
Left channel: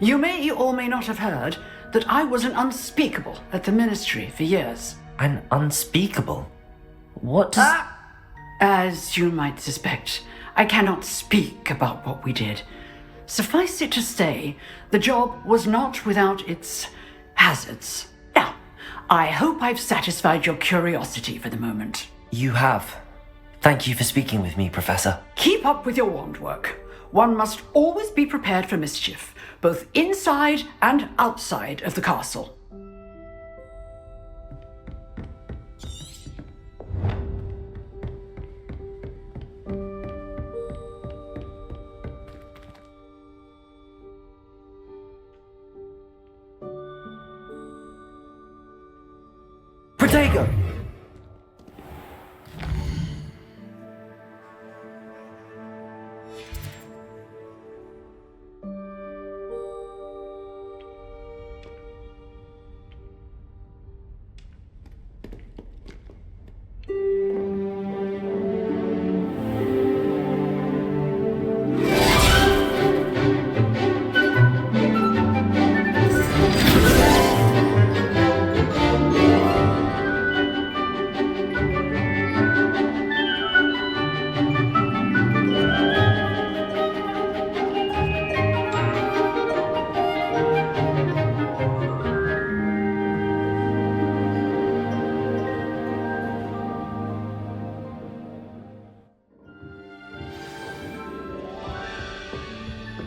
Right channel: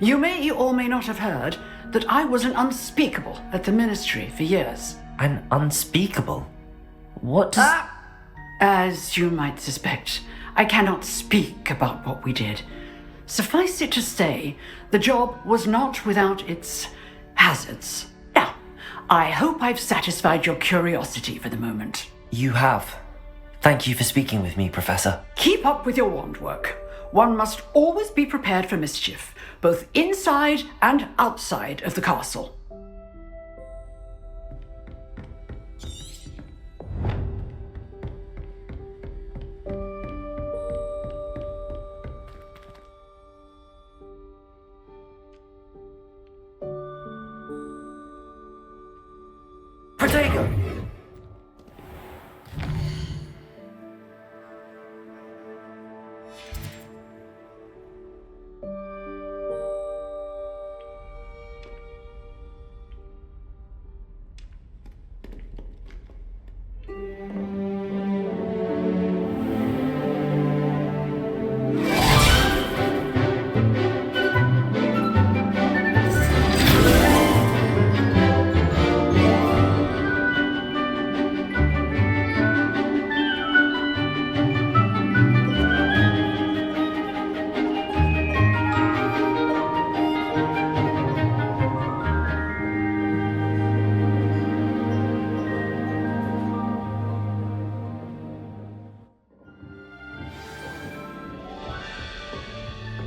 You may or may not have heard that I was an unspeakable at the Ministry for years. An unspeakable? What does... As you might suspect, I cannot speak about what we did. Suffice it to say, the job was not without its hazards. Now, I hope I've satisfied your curiosity for the moment. You have. Thank you for speaking with me, Professor. Keep up with your wand work. One must always be prepared for mischief, both inside and outside of the castle. Protego!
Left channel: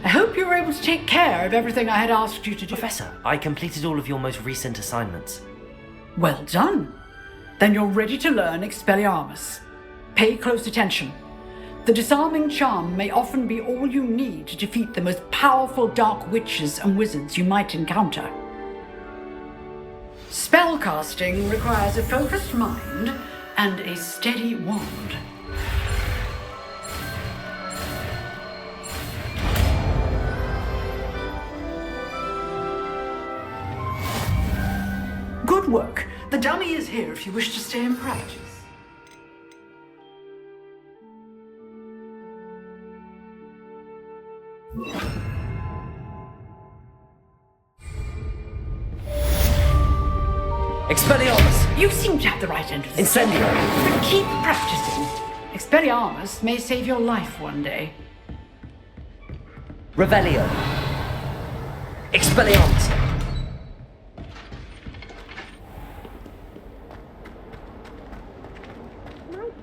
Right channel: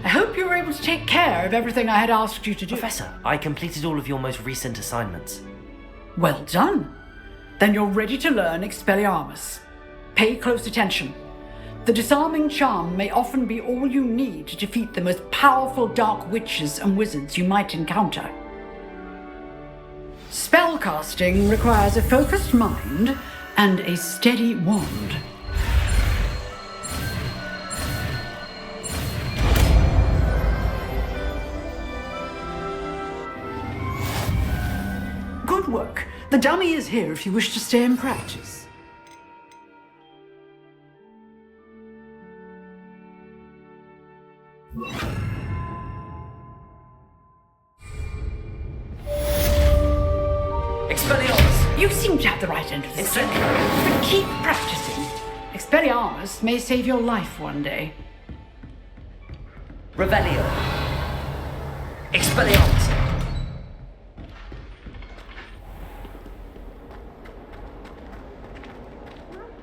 I hope you were able to take care of everything I had asked you to do. Professor, I completed all of your most recent assignments. Well done. Then you're ready to learn Expelliarmus. Pay close attention. The disarming charm may often be all you need to defeat the most powerful dark witches and wizards you might encounter. Spellcasting requires a focused mind and a steady wand. Good work. The dummy is here if you wish to stay and practice. Expelliarmus! You seem to have the right end of the Incendio! But keep practicing. Expelliarmus may save your life one day. Revelio! Expelliarmus!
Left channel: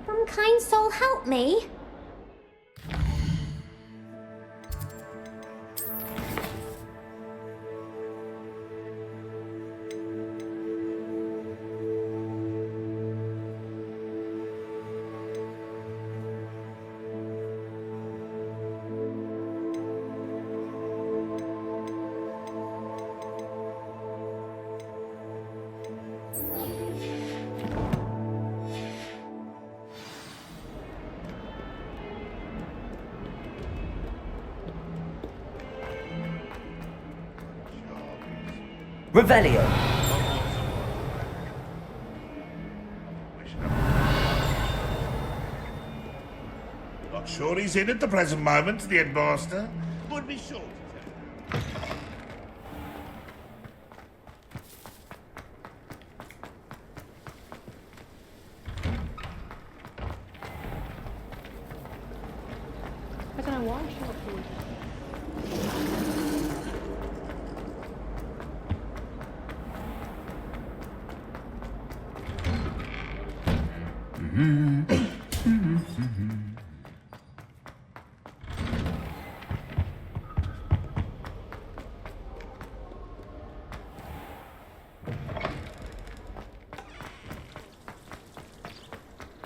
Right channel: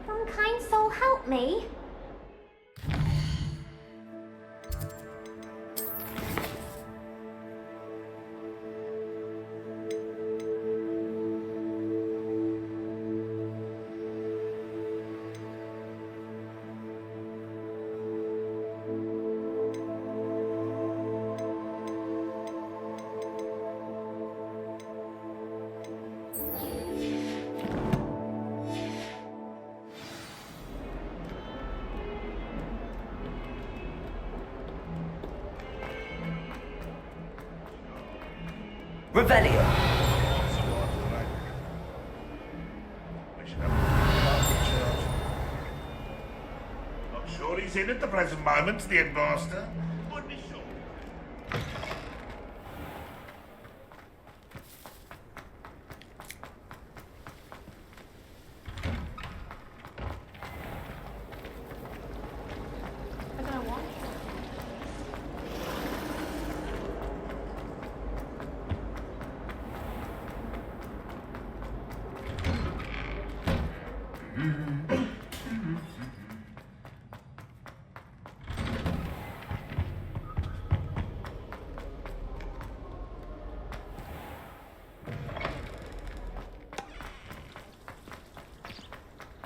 Some kind soul help me. Revelio! Not sure he's in at the present moment, the headmaster. Would be sure.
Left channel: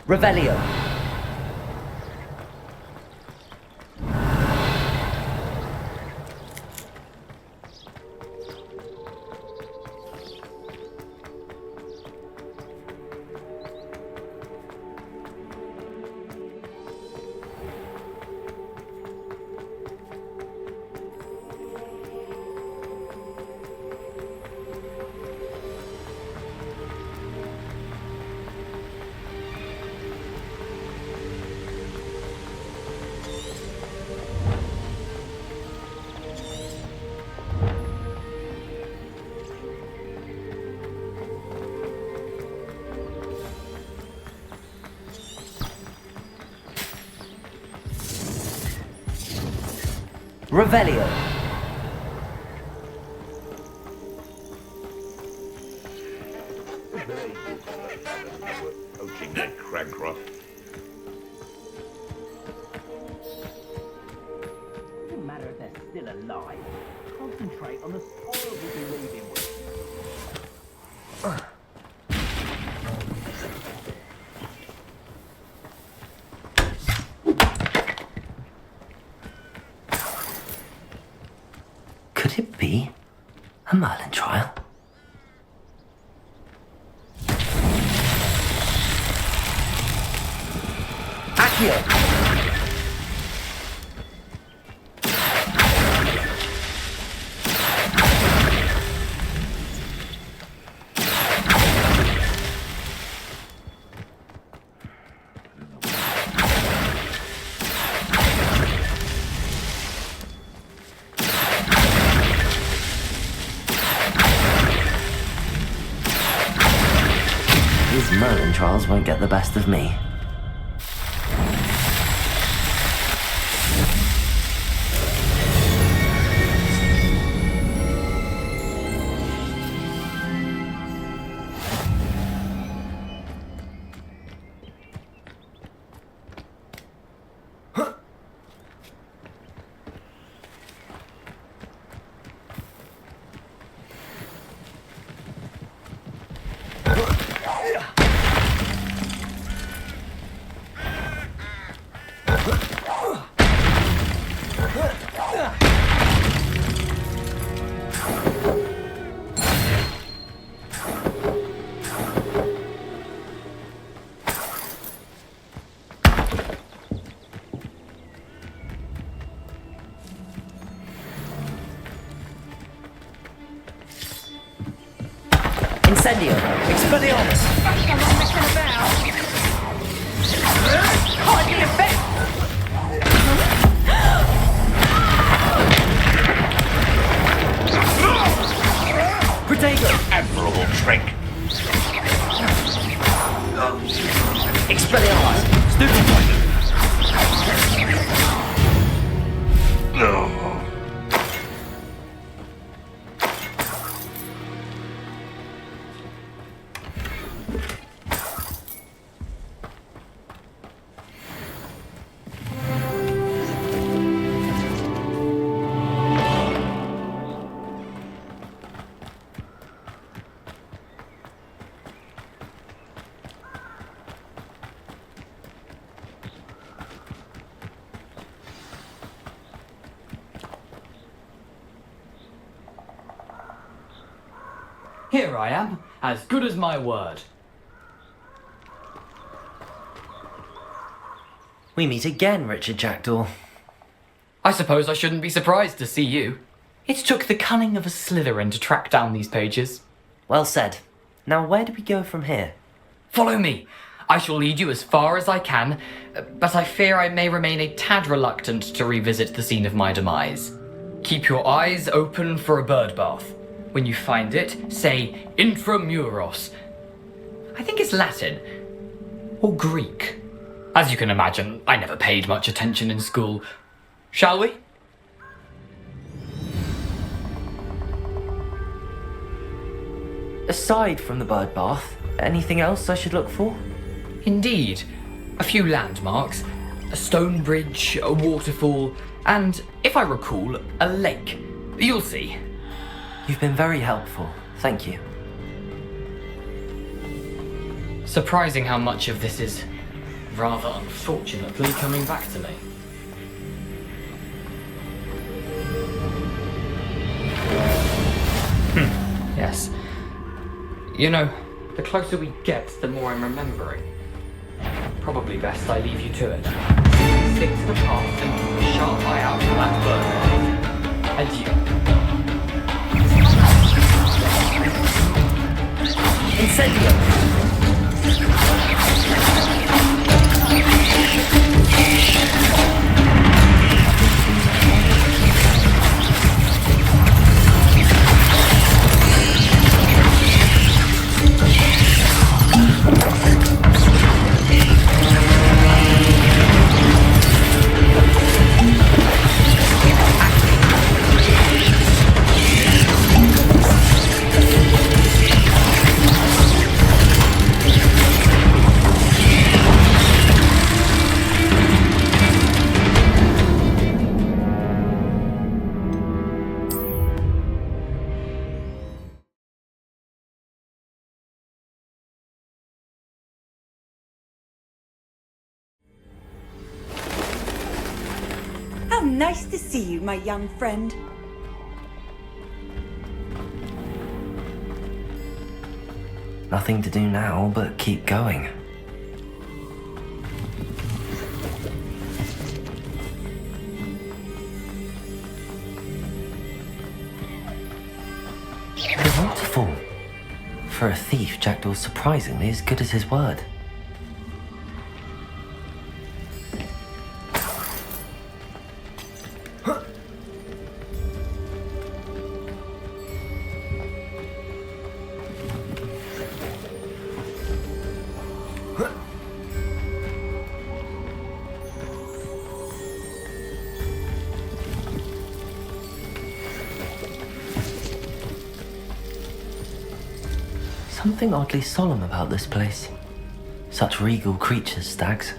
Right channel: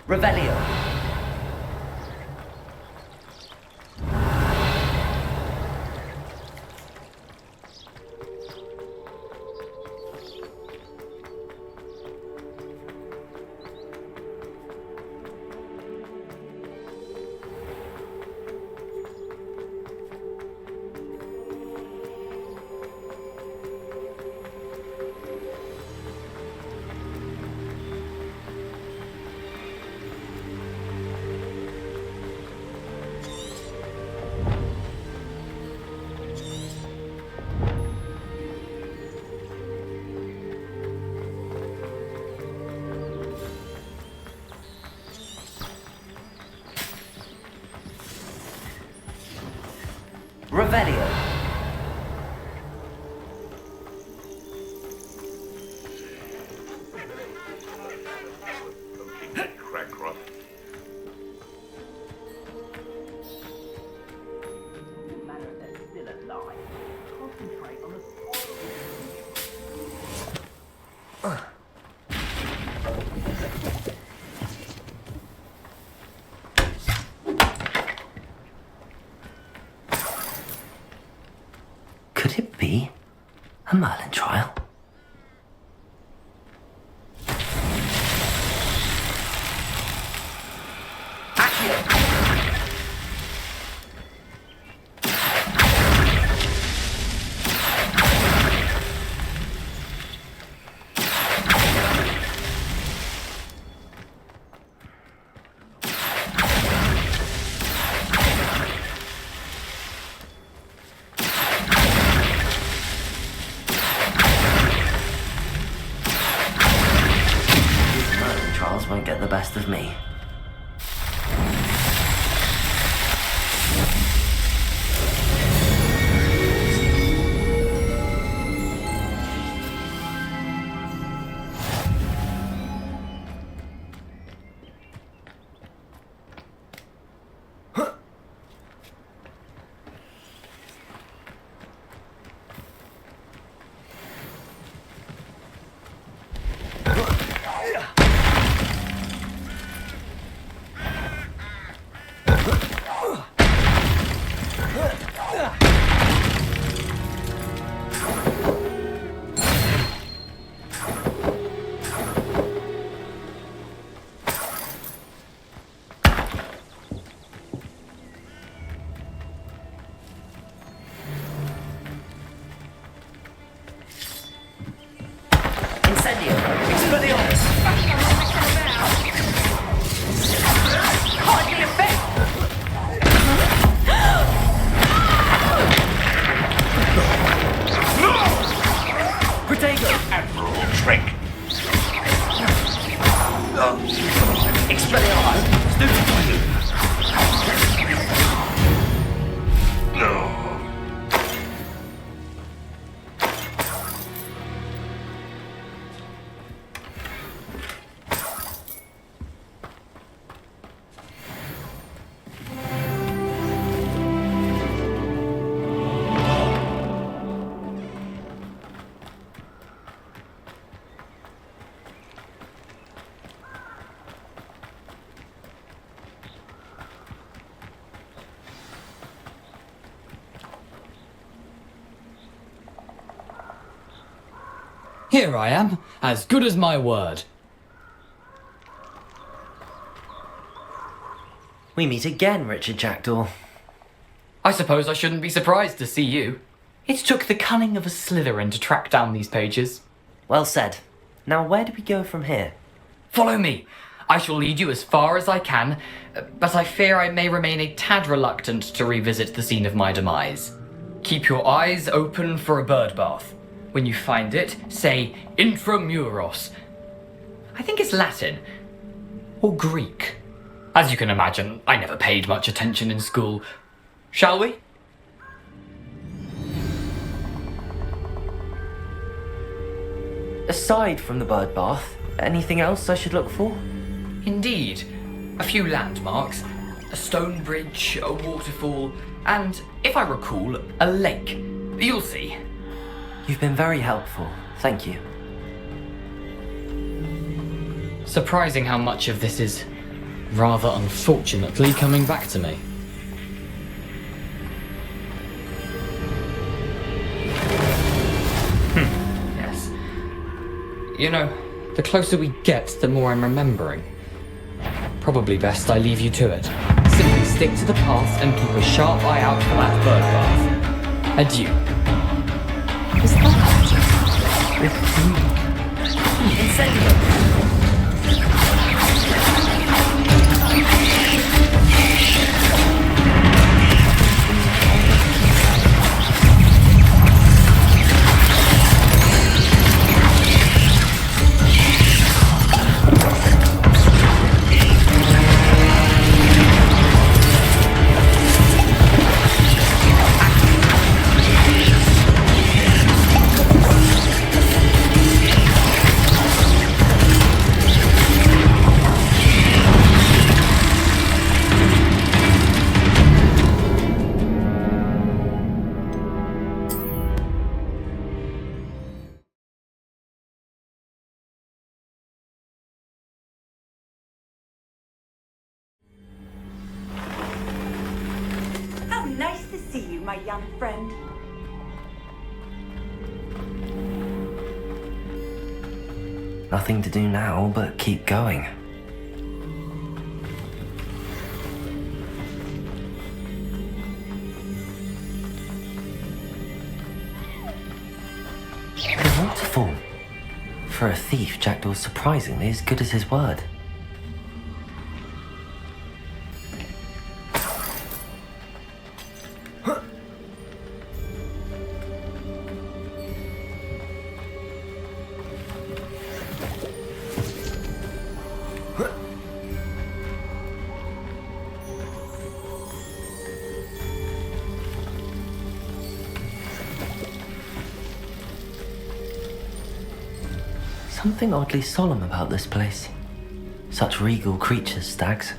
Revelio! Revelio! Could it be a Merlin trial? Accio! These Merlin trials won't get the best of me. Expelliarmus! Stupefy! Here I am, as good as my word. We meet again, Richard Jackdaw. I suppose I shouldn't be surprised to see you. It took the cunning of a Slytherin to track down these pages. Well said. Now where do we go from here? Follow me. I shall lead you as far as I can, but I fear I may remain a tad reluctant to revisit the scene of my demise. Keep your eyes open for a bird bath. When you find it, say intramuros. I think it's Latin. Or Greek. As you can imagine, I never paid much attention in school. Shall we? Aside from the bird bath, anything else I should look for? Indeed. A few landmarks, a stone bridge, a waterfall, and, if I recall, a lake. You'll see. You've been very helpful. Thank you. Surprising how much of this is, rather unfortunately, coming back to me. Yes. You know, the closer we get, the more I'm remembering. Probably best I leave you to it. Simply stick to the path and keep a sharp eye out for that bird bath. And you. Incendio! How nice to see you, my young friend. Nothing to do now but keep going. The waterfall. For a thief, Jackdaw's surprisingly as good as his word. Something oddly solemn about this place. Such regal creatures, stags.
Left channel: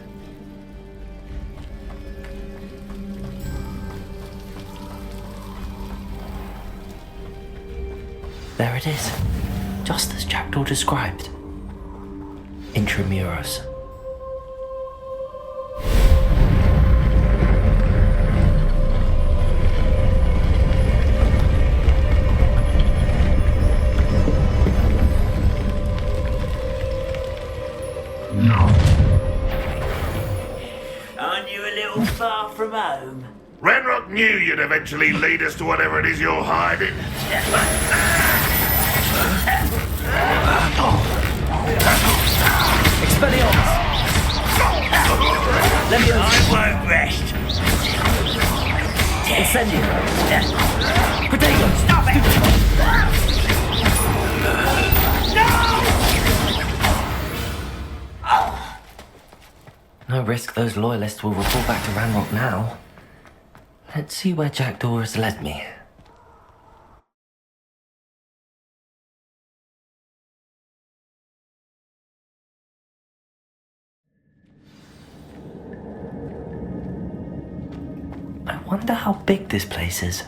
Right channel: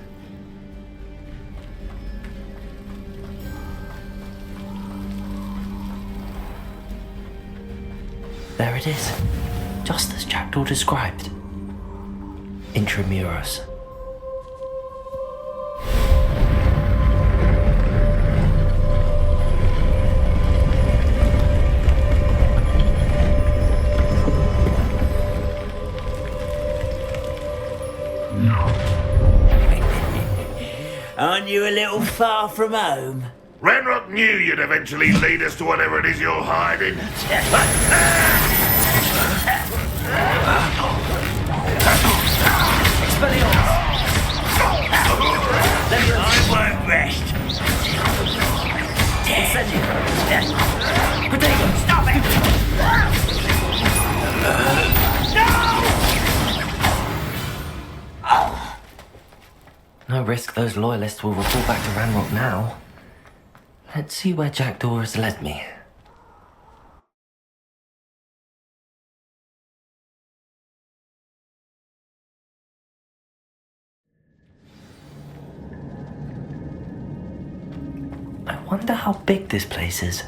There it is, just as Jackdaw described. Intramuros. Aren't you a little far from home? Ranrock knew you'd eventually lead us to whatever it is you're hiding. Expelliarmus! I won't rest. Incendio! Protego! Stop it! No! No risk those loyalists will report back to Ranrock now. Let's see where Jackdaw has led me. I wonder how big this place is.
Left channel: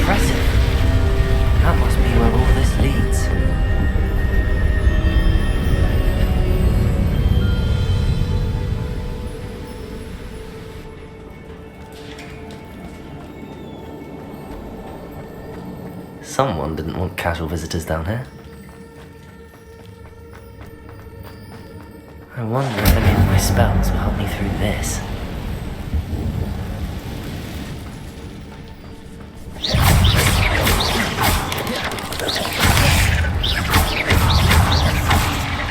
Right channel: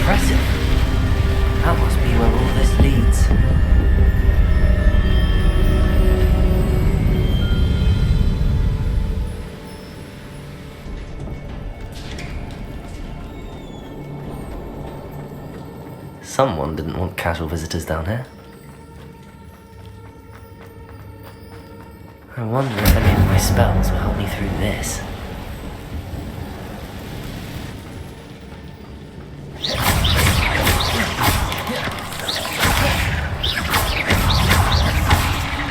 Impressive. That must be where all this leads. Someone didn't want casual visitors down here. I wonder if any of my spells will help me through this.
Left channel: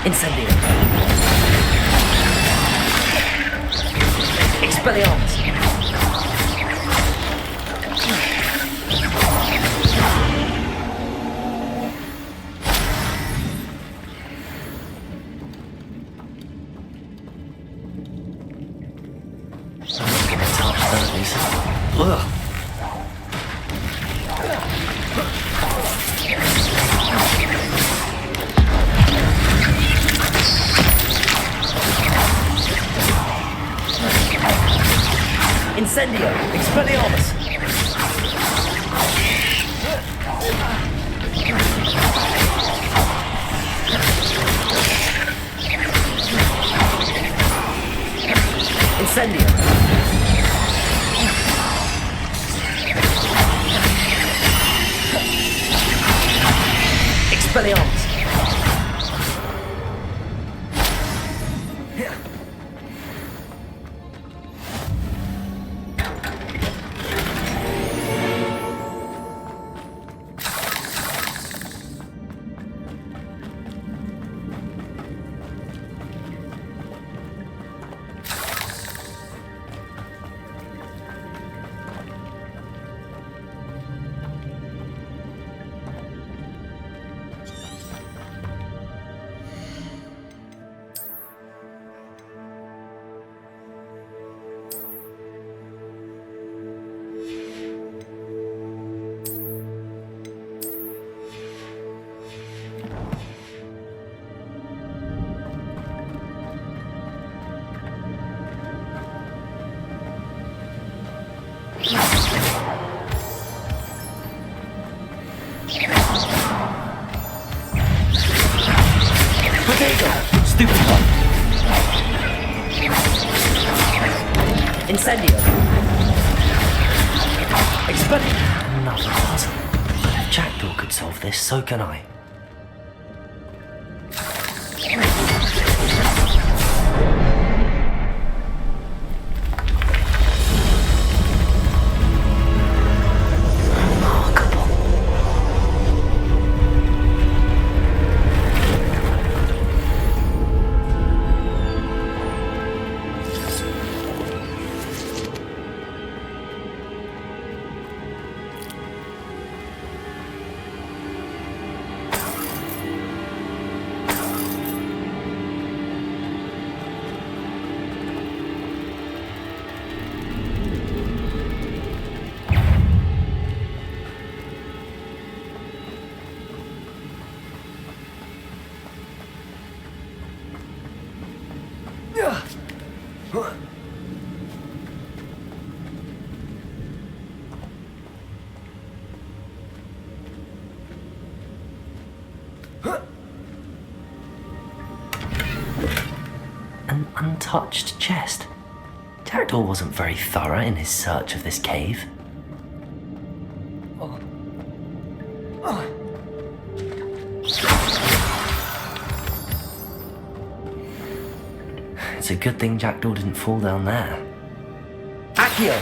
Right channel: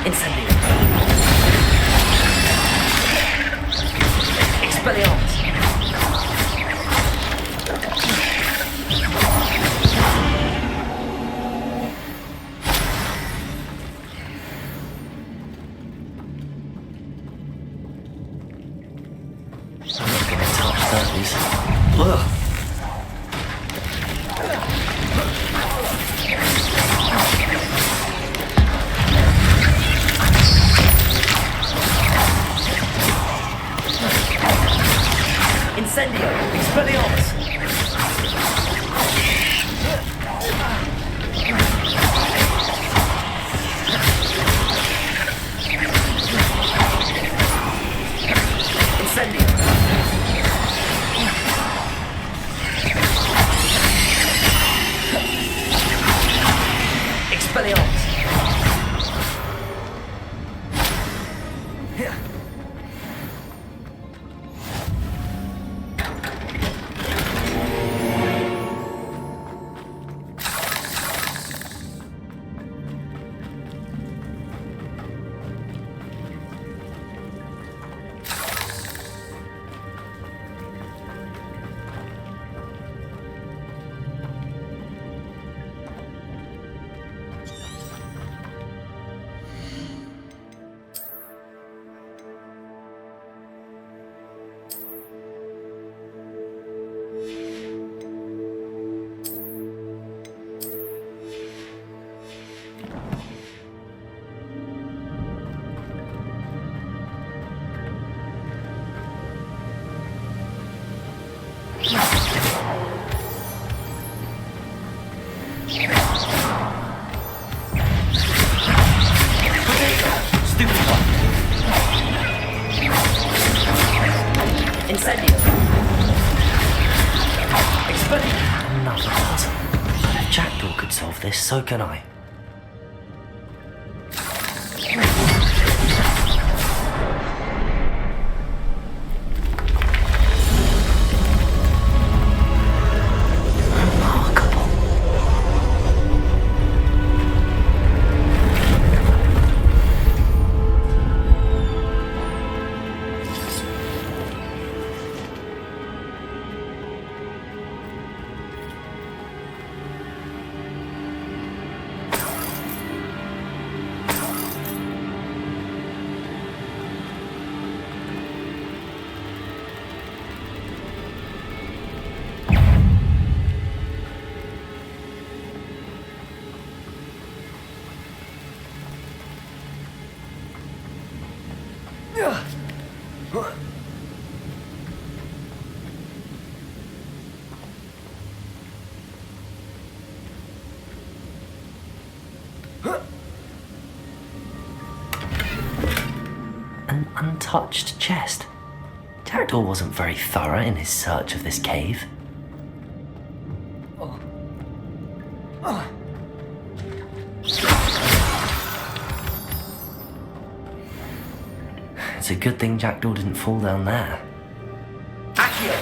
Incendio. Expelliarmus. I'm not gonna touch those. Ugh. Incendio! Expelliarmus! Incendio! Expelliarmus! Stupid one. Incendio. Expelliarmus. Another puzzle. If Jackdaw could solve this, so can I. An untouched chest. Jackdaw wasn't very thorough in his search of this cave. It's a good thing Jackdaw didn't fall down there. Accio!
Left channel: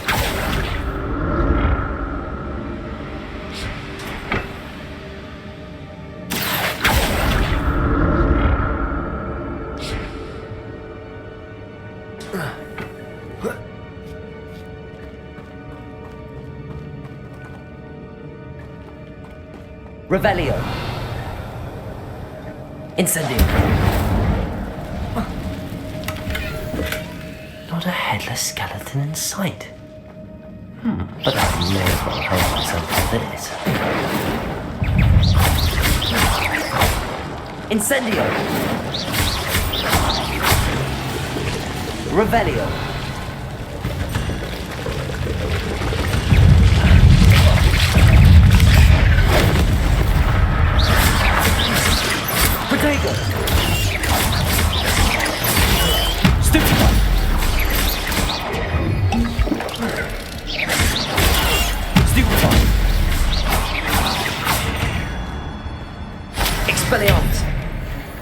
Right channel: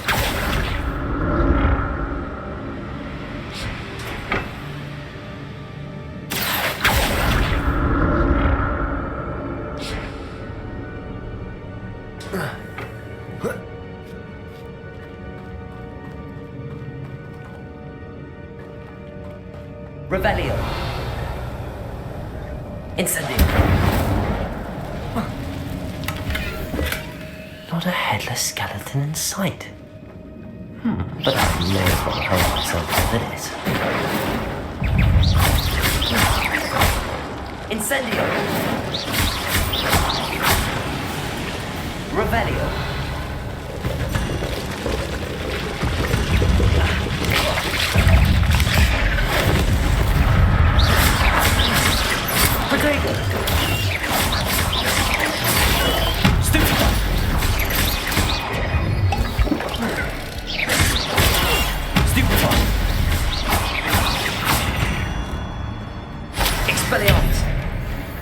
Revelio. Incendio. Not a headless skeleton in sight. But I may as well help myself to this. Incendio. Revelio. Protego. Stupefy. Stupefy. Expelliarmus.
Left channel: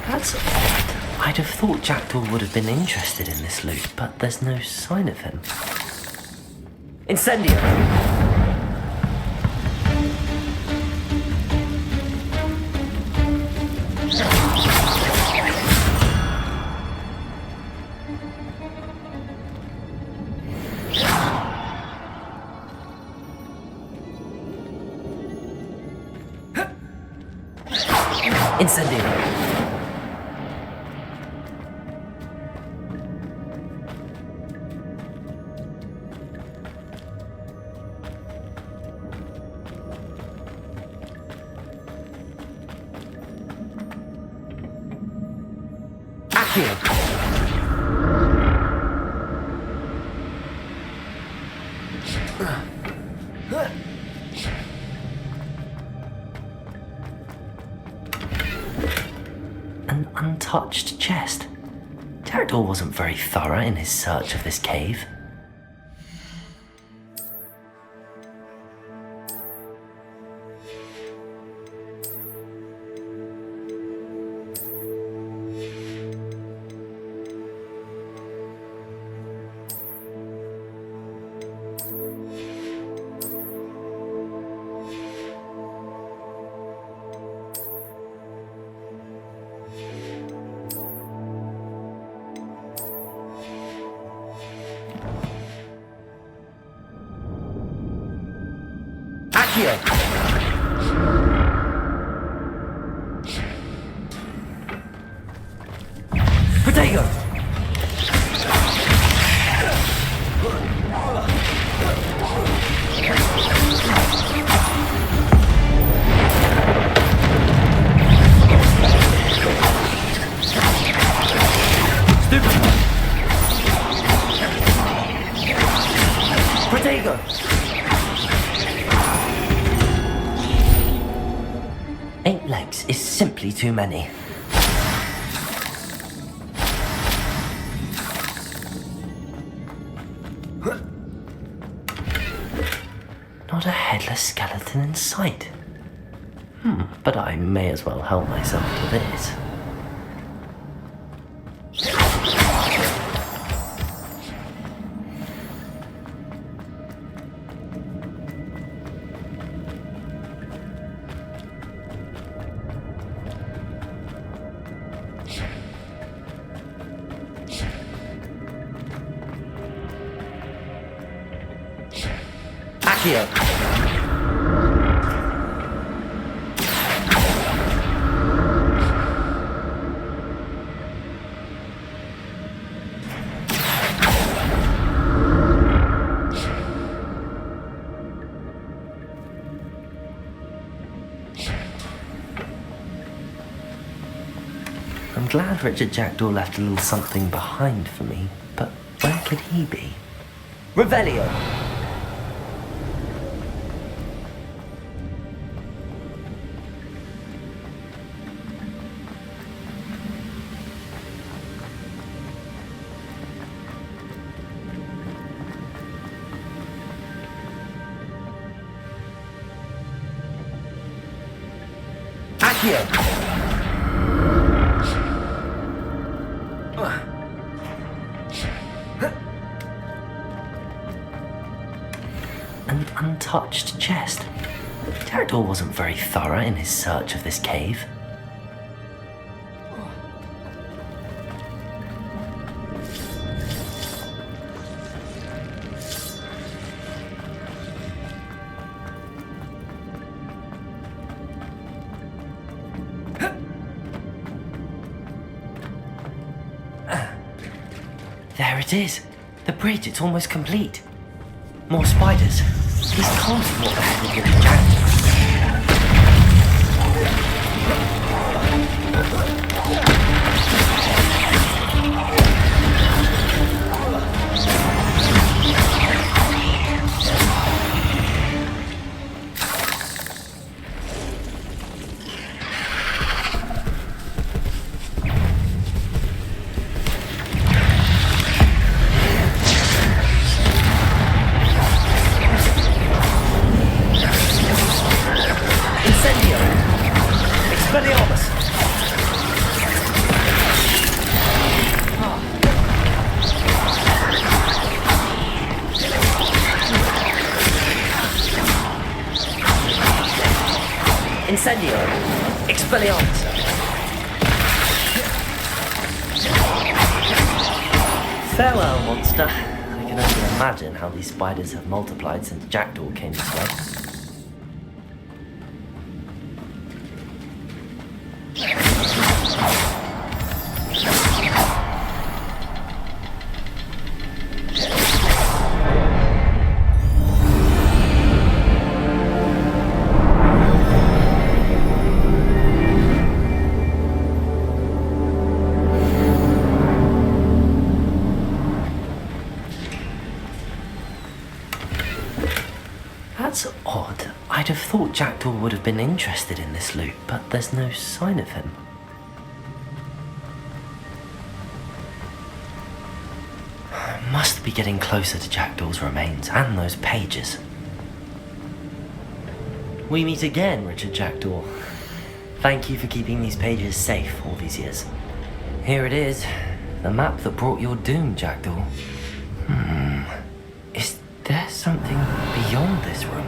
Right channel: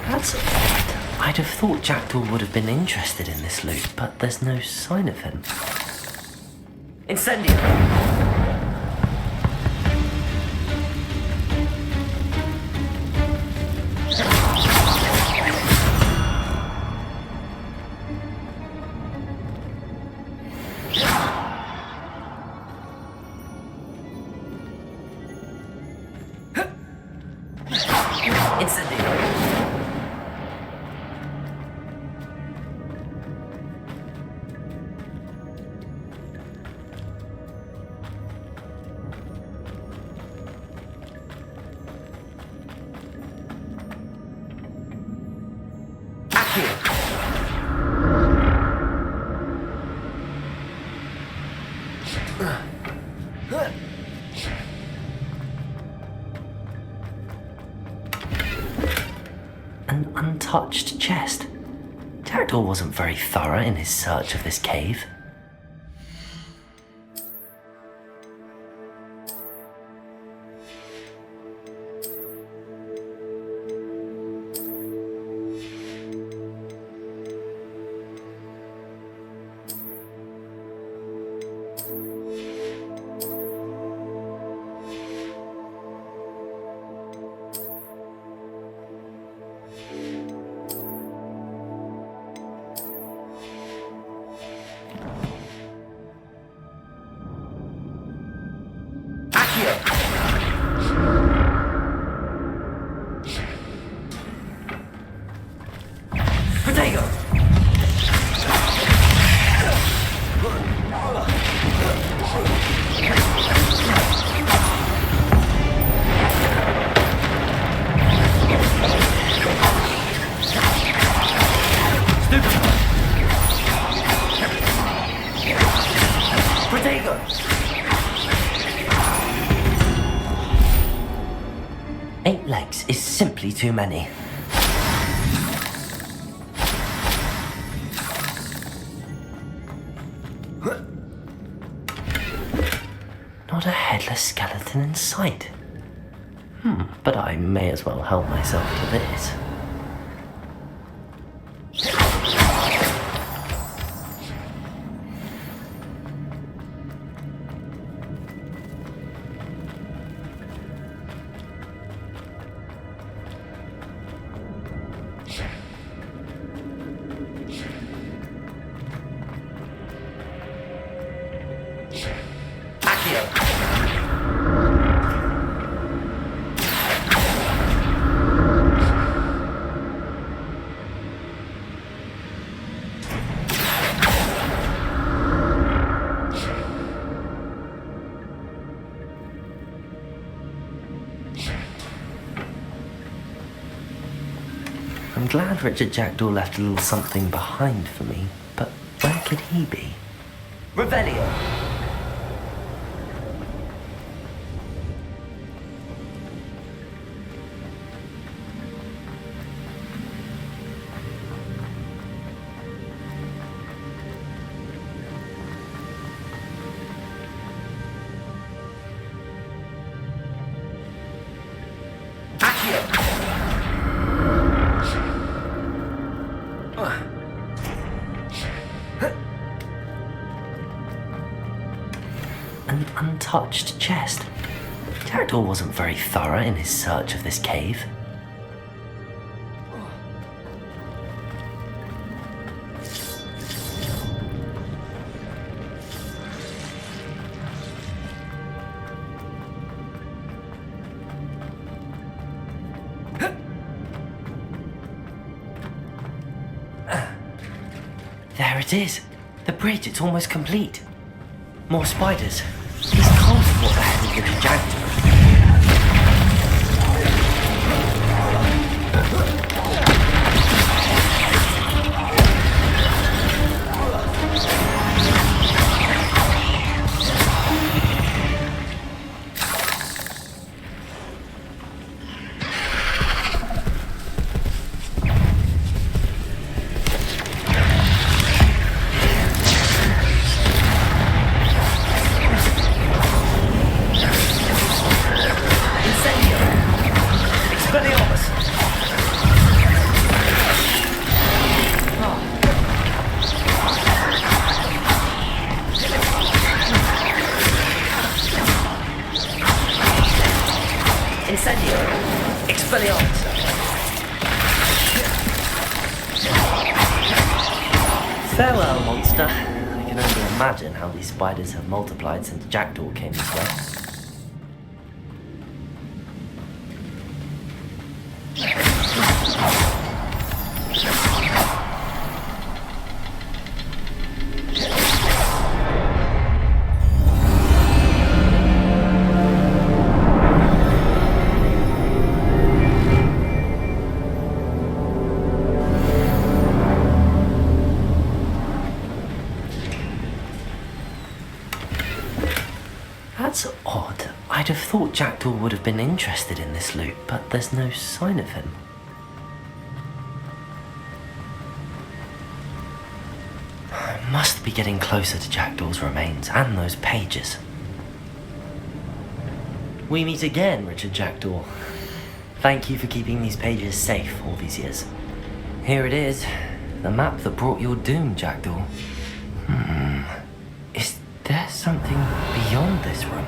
That's odd. I'd have thought Jackdaw would have been interested in this loot, but there's no sign of him. Incendio. Incendio. Accio. An untouched chest. Jackdaw wasn't very thorough in his search of this cave. Accio. Protego. Stupefy. Protego. Eight legs is simply too many. Not a headless skeleton in sight. But I may as well help myself to this. Accio. I'm glad Richard Jackdaw left a little something behind for me, but where could he be? Revelio. Accio. An untouched chest. Jackdaw wasn't very thorough in his search of this cave. There it is. The bridge, it's almost complete. More spiders. These can't be what the hell is Witch Jackdaw. Incendio! Expelliarmus! Farewell, monster. I can only imagine how these spiders have multiplied since Jackdaw came this way. That's odd. I'd have thought Jackdaw would have been interested in this loot, but there's no sign of him. I must be getting closer to Jackdaw's remains and those pages. We meet again, Richard Jackdaw. Thank you for keeping these pages safe all these years. Here it is, the map that brought your doom, Jackdaw. Is there something beyond this room?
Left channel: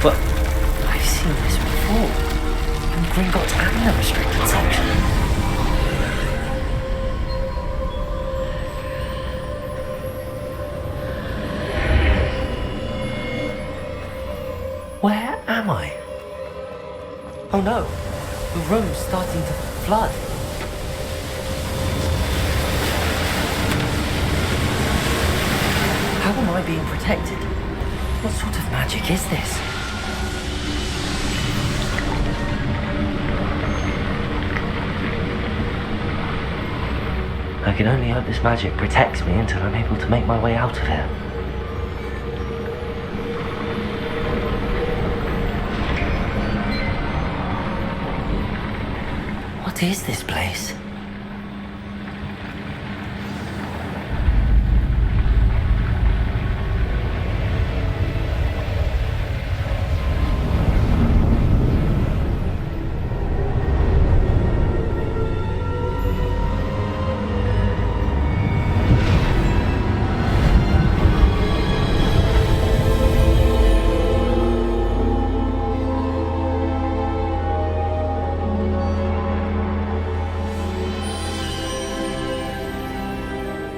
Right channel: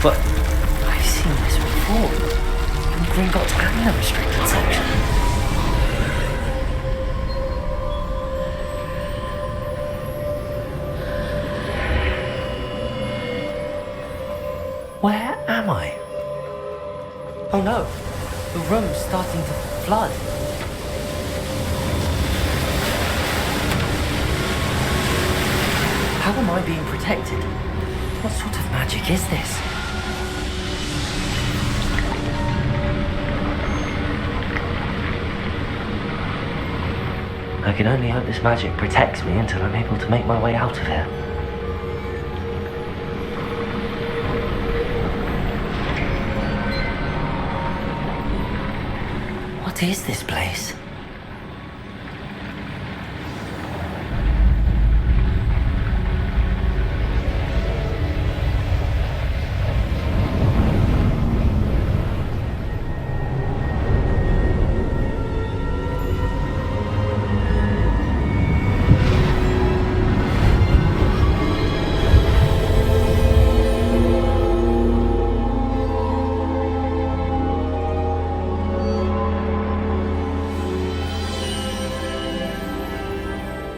But I've seen this before. In Gringotts and the restricted section. Where am I? Oh no, the room's starting to flood. How am I being protected? What sort of magic is this? I can only hope this magic protects me until I'm able to make my way out of here. What is this place?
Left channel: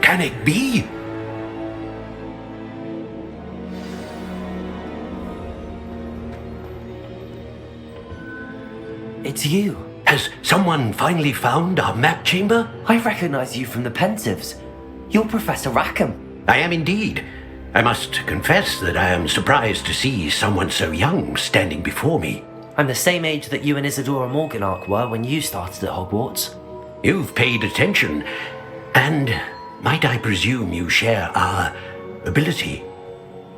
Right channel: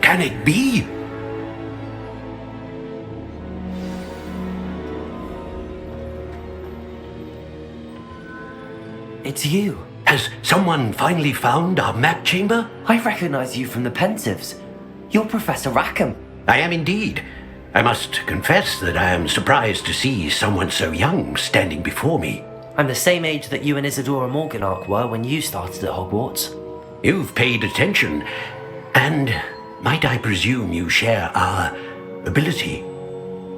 Can it be? It's you. Has someone finally found our map chamber? I recognize you from the Pensives. You're Professor Rackham. I am indeed. I must confess that I am surprised to see someone so young standing before me. I'm the same age that you and Isadora Morganach were when you started at Hogwarts. You've paid attention, and might I presume you share our ability?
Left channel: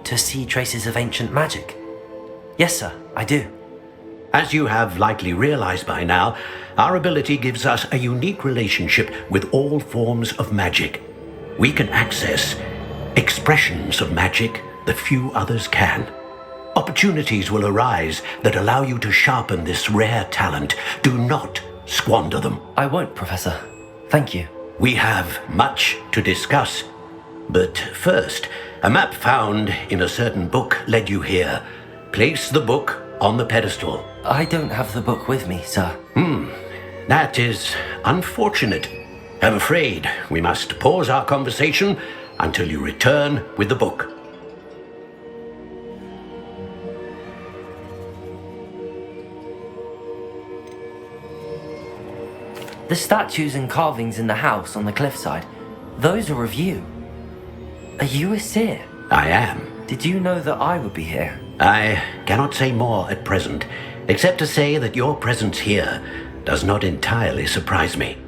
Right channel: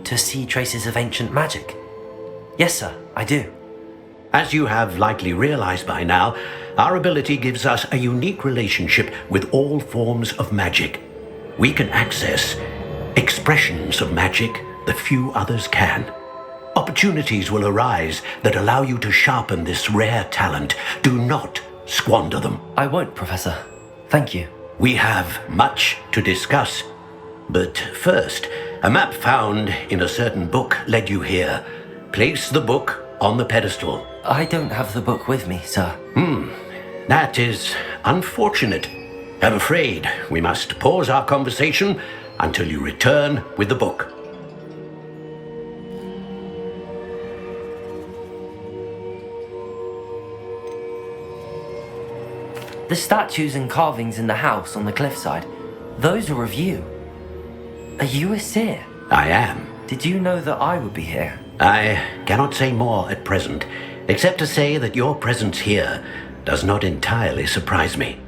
To see traces of ancient magic? Yes, sir, I do. As you have likely realized by now, our ability gives us a unique relationship with all forms of magic. We can access expressions of magic that few others can. Opportunities will arise that allow you to sharpen this rare talent. Do not squander them. I won't, Professor. Thank you. We have much to discuss. But first, a map found in a certain book led you here. Place the book on the pedestal. I don't have the book with me, sir. That is unfortunate. I'm afraid we must pause our conversation until you return with the book. The statues and carvings in the house on the cliffside, those are of you. Are you a seer? I am. Did you know that I would be here? I cannot say more at present, except to say that your presence here does not entirely surprise me.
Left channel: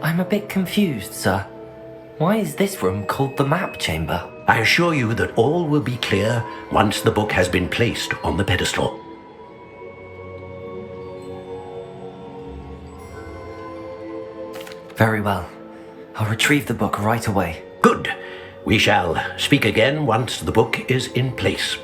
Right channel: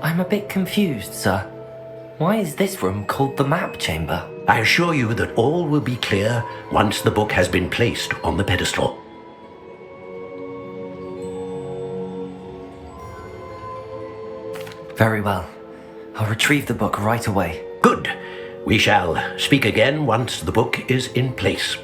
I'm a bit confused, sir. Why is this room called the map chamber? I assure you that all will be clear once the book has been placed on the pedestal. Very well. I'll retrieve the book right away. Good. We shall speak again once the book is in place.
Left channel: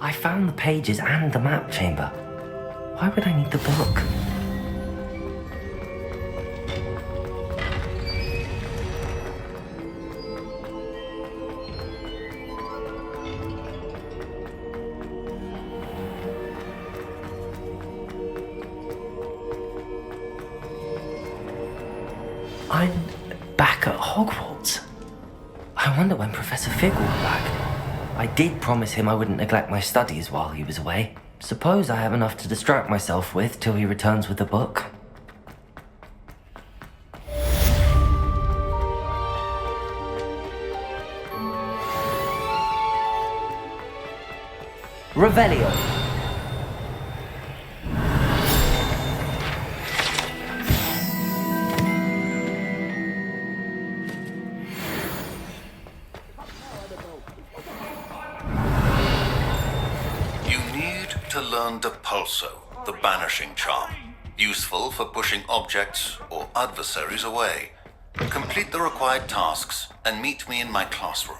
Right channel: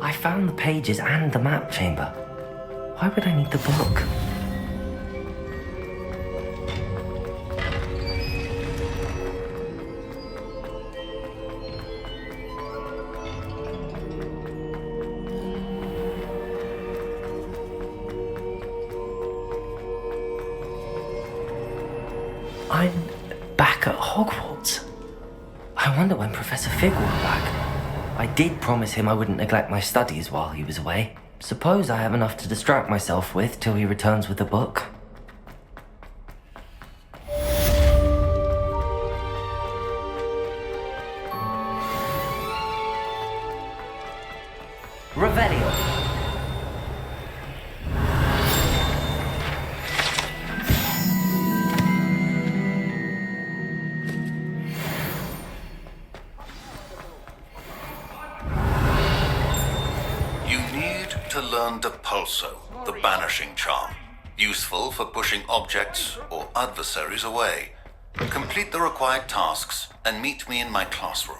I found the pages and the map chamber. Why would I need the book? I'm back at Hogwarts. I wonder when Professor Fig will be back. I did promise him I wouldn't neglect my studies while he was away. suppose I have enough to distract myself with till he returns with the book. Revelio. You need to learn Depulso, the banishing charm. Useful for pushing objects or adversaries away. Complete the required tasks and meet me in my classroom.